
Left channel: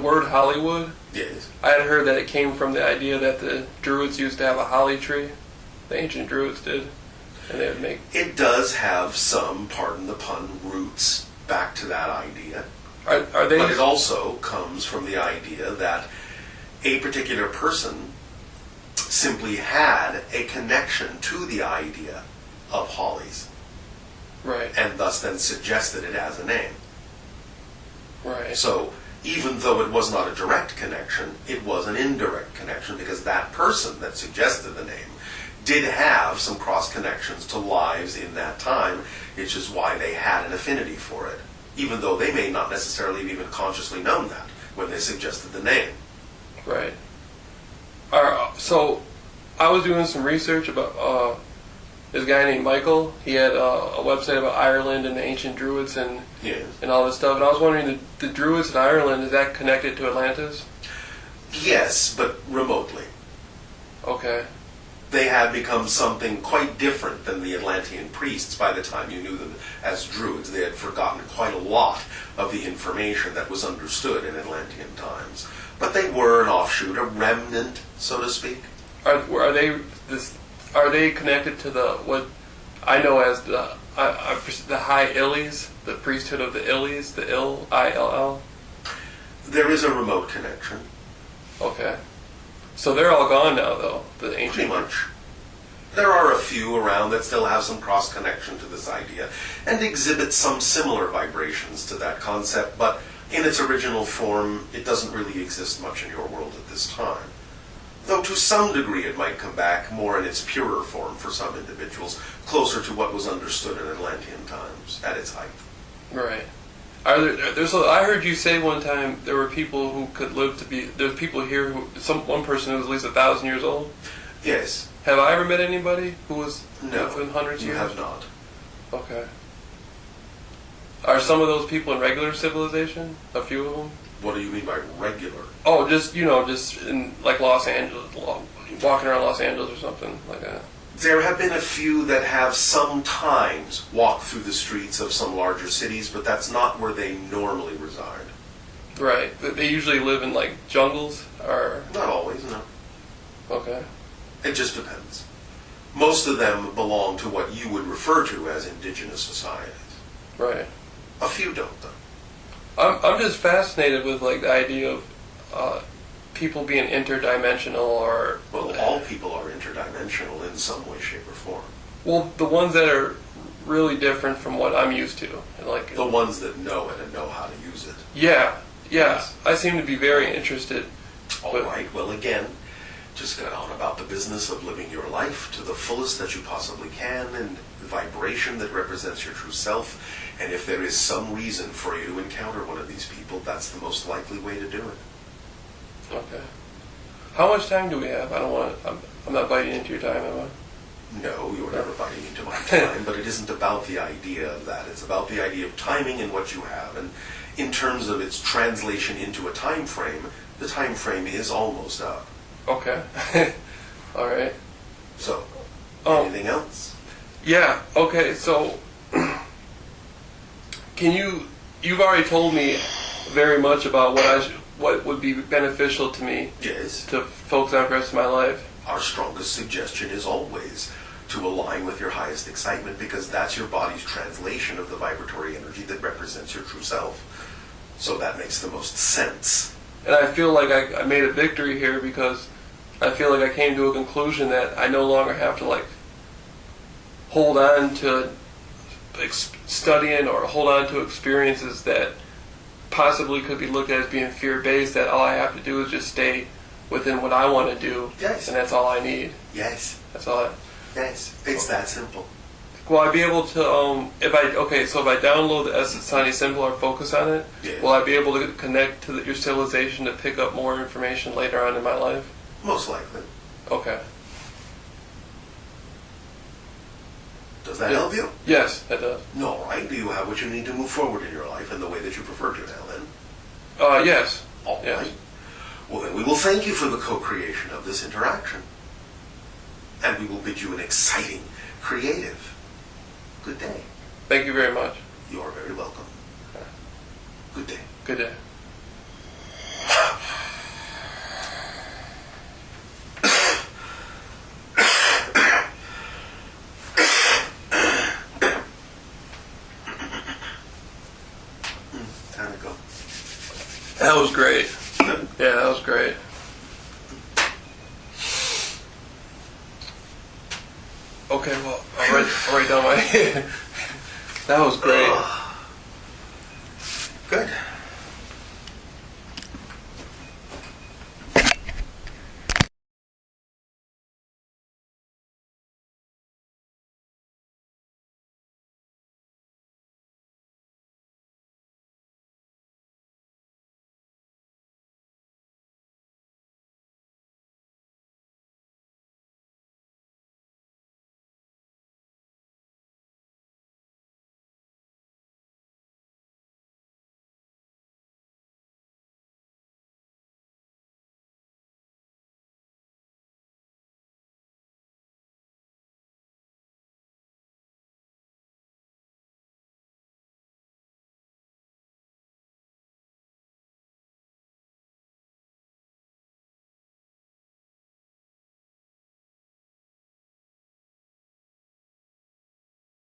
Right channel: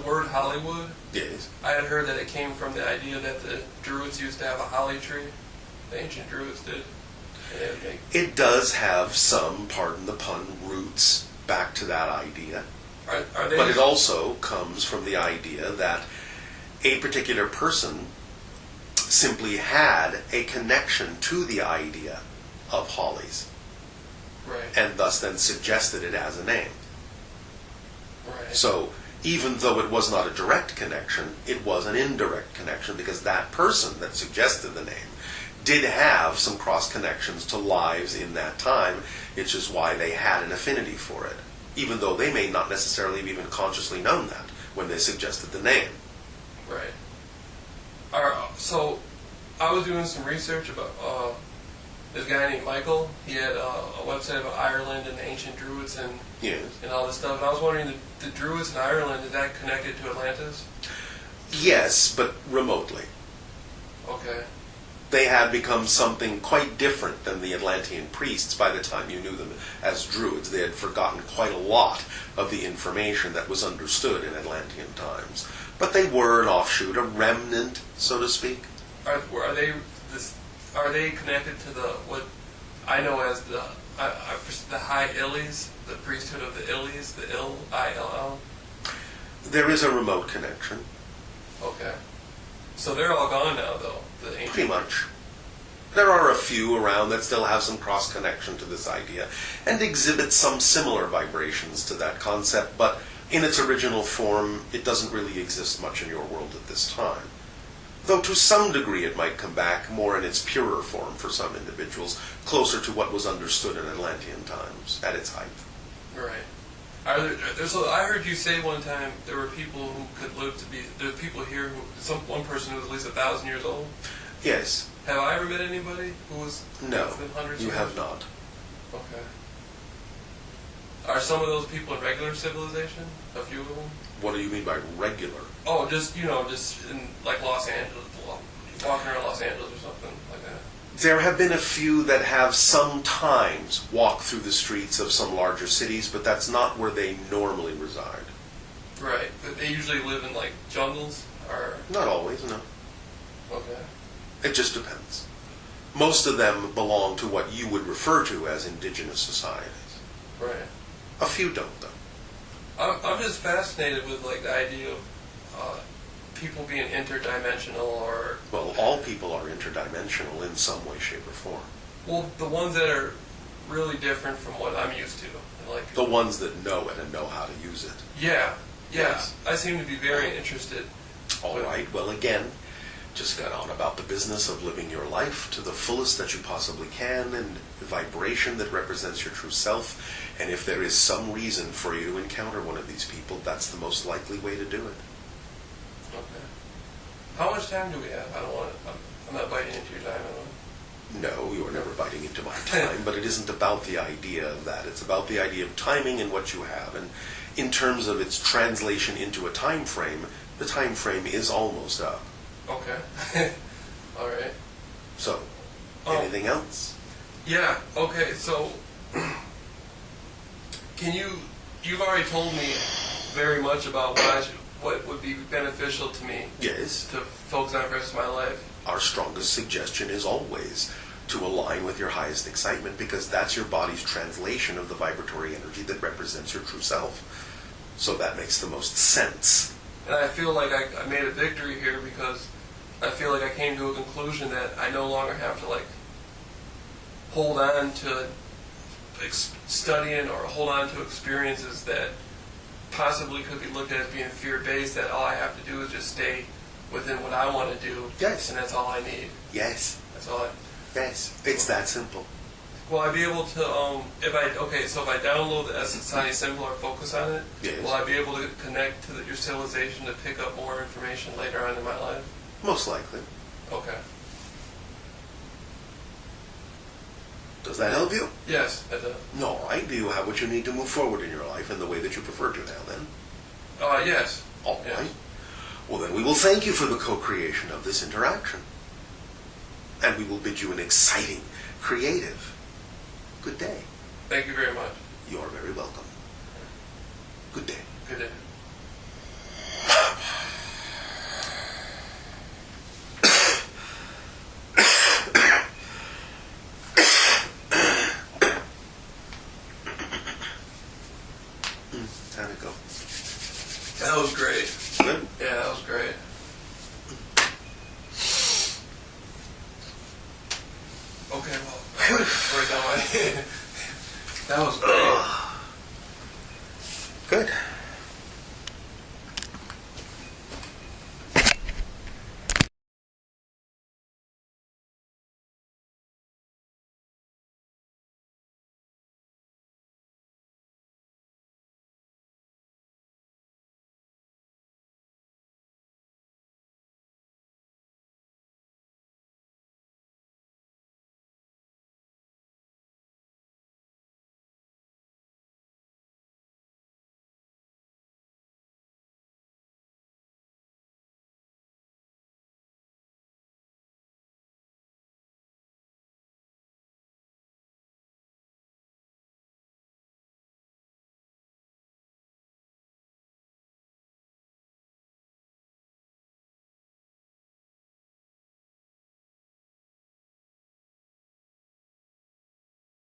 word Hollywood. Yes. I had heard that it came from the idea that the Druids used to have a holly tree. The ancient Druids did, and they would make. It does have some, pardon the pun, roots back to that idea. Are they? But it also comes from the idea that a particular person simply had a connection to the idea of hollies, Right. and thus then suggested it as a name. Right. So even though it was not a direct connection, it was an indirect connection, because that person that suggested the name did have some cross connections to lives in that time, which is why they had an affinity for it, even though they may not necessarily have even consciously known that when they suggested the name. Right. So I was doing some research about this guy named Michael. He had a website about Ireland and the ancient Druids and all this stuff. And I was wondering, the Druids in Ireland, is that connected to Atlantis? Yes, but remotely. Okay. They had become something quite different than the Atlantean priests by the time you knew them as Druids. They had forgotten quite a lot of the information that was understood in Atlantean times. But they were an offshoot, a remnant, so to speak. Are they connected to what I know as the High Illies, the priesthood of the Illies, the Ill? There is a remote connection. Okay. So they're all gone now, though, the ancient... Pretty much. There are a few around that still have some cross-connection to this idea and exhibit some similar vibrations to that concept, but in its original form, it doesn't really exist much in your world at this time. Though to some degree it might come back more in its purer form for some individuals, closer to what was understood in Atlantean times at its height. Right. I heard you say one time there were people who could live to be... There's people here one person who was at least 1,000 years old? Yes. Have I ever met anybody who was No, hundreds of you years? have not. Okay. Are some of those people in regular civilization? A few of them? What do you mean by regular? Oh, just in like Los Angeles, walking around Los Angeles or something like that. There have been a few that have sometimes walked through the streets of some larger cities, but that's not where they normally reside. Right. They usually live in like jungles, or... Not always, no. Okay. It just depends. Most of them belong to what you would refer to as indigenous societies. Right. A few don't, though. I'm just fascinated with like the idea of people being interdimensional, or... Well, all people are interdimensional in some way, shape, or form. Well, the ones that are really different from what I'm used to. Like the ones that know it and know how to use it. Yeah. Yes. I seem to be very interested. All right, well, again, just get on about the business of living your life to the fullest that you possibly can, and the vibration that represents your true self. And if there is some reason for you to encounter one of these people, that's the most likely way to do it. Okay. How much time do we have? I'm not biting into your time, am I? No, you're never biting into my time, but it isn't about the idea of that. It's about the idea of timing and what you have. And in terms of its translation into a time frame, the time frame is almost up. Okay. All right. So, anything else? Yeah, okay, so you've already told me very much about what would be beneficial to me. Yes. To focus on for the rest of my life. Our strongest suggestion is always to align with your highest excitement, because that's your body's translation of the vibratory energy that represents your true self. So that makes the most sense. And I feel like I made a victory here, because I feel like I came to a conclusion that I no longer have to hold on to studying or hold on to experiences that possibly could be looked at as being fear-based, that all I have to do is just stay within what I want to do. Yes. And that's all I need. Yes. That's all Yes. It's that simple. Will I be able to, if I download the Essence Tiny Symbol or focus on it, yes. Will I be able to connect to your civilization to pick up more information later on in my life? Most likely. Okay. Does that help you? Yes, that does. All right. Do you have what you need to move forward in your life in the way that you prefer to now, then? Yes. All yes. right. Well, then we will thank you for the co-creation of this interaction. And we will bid you an exciting, creative, good day. Thank you very much. You are very welcome. Good day. Good day. Time to go. That was great. Good. Yeah, that was great. Okay, well, I'll write down my... That was great. Good.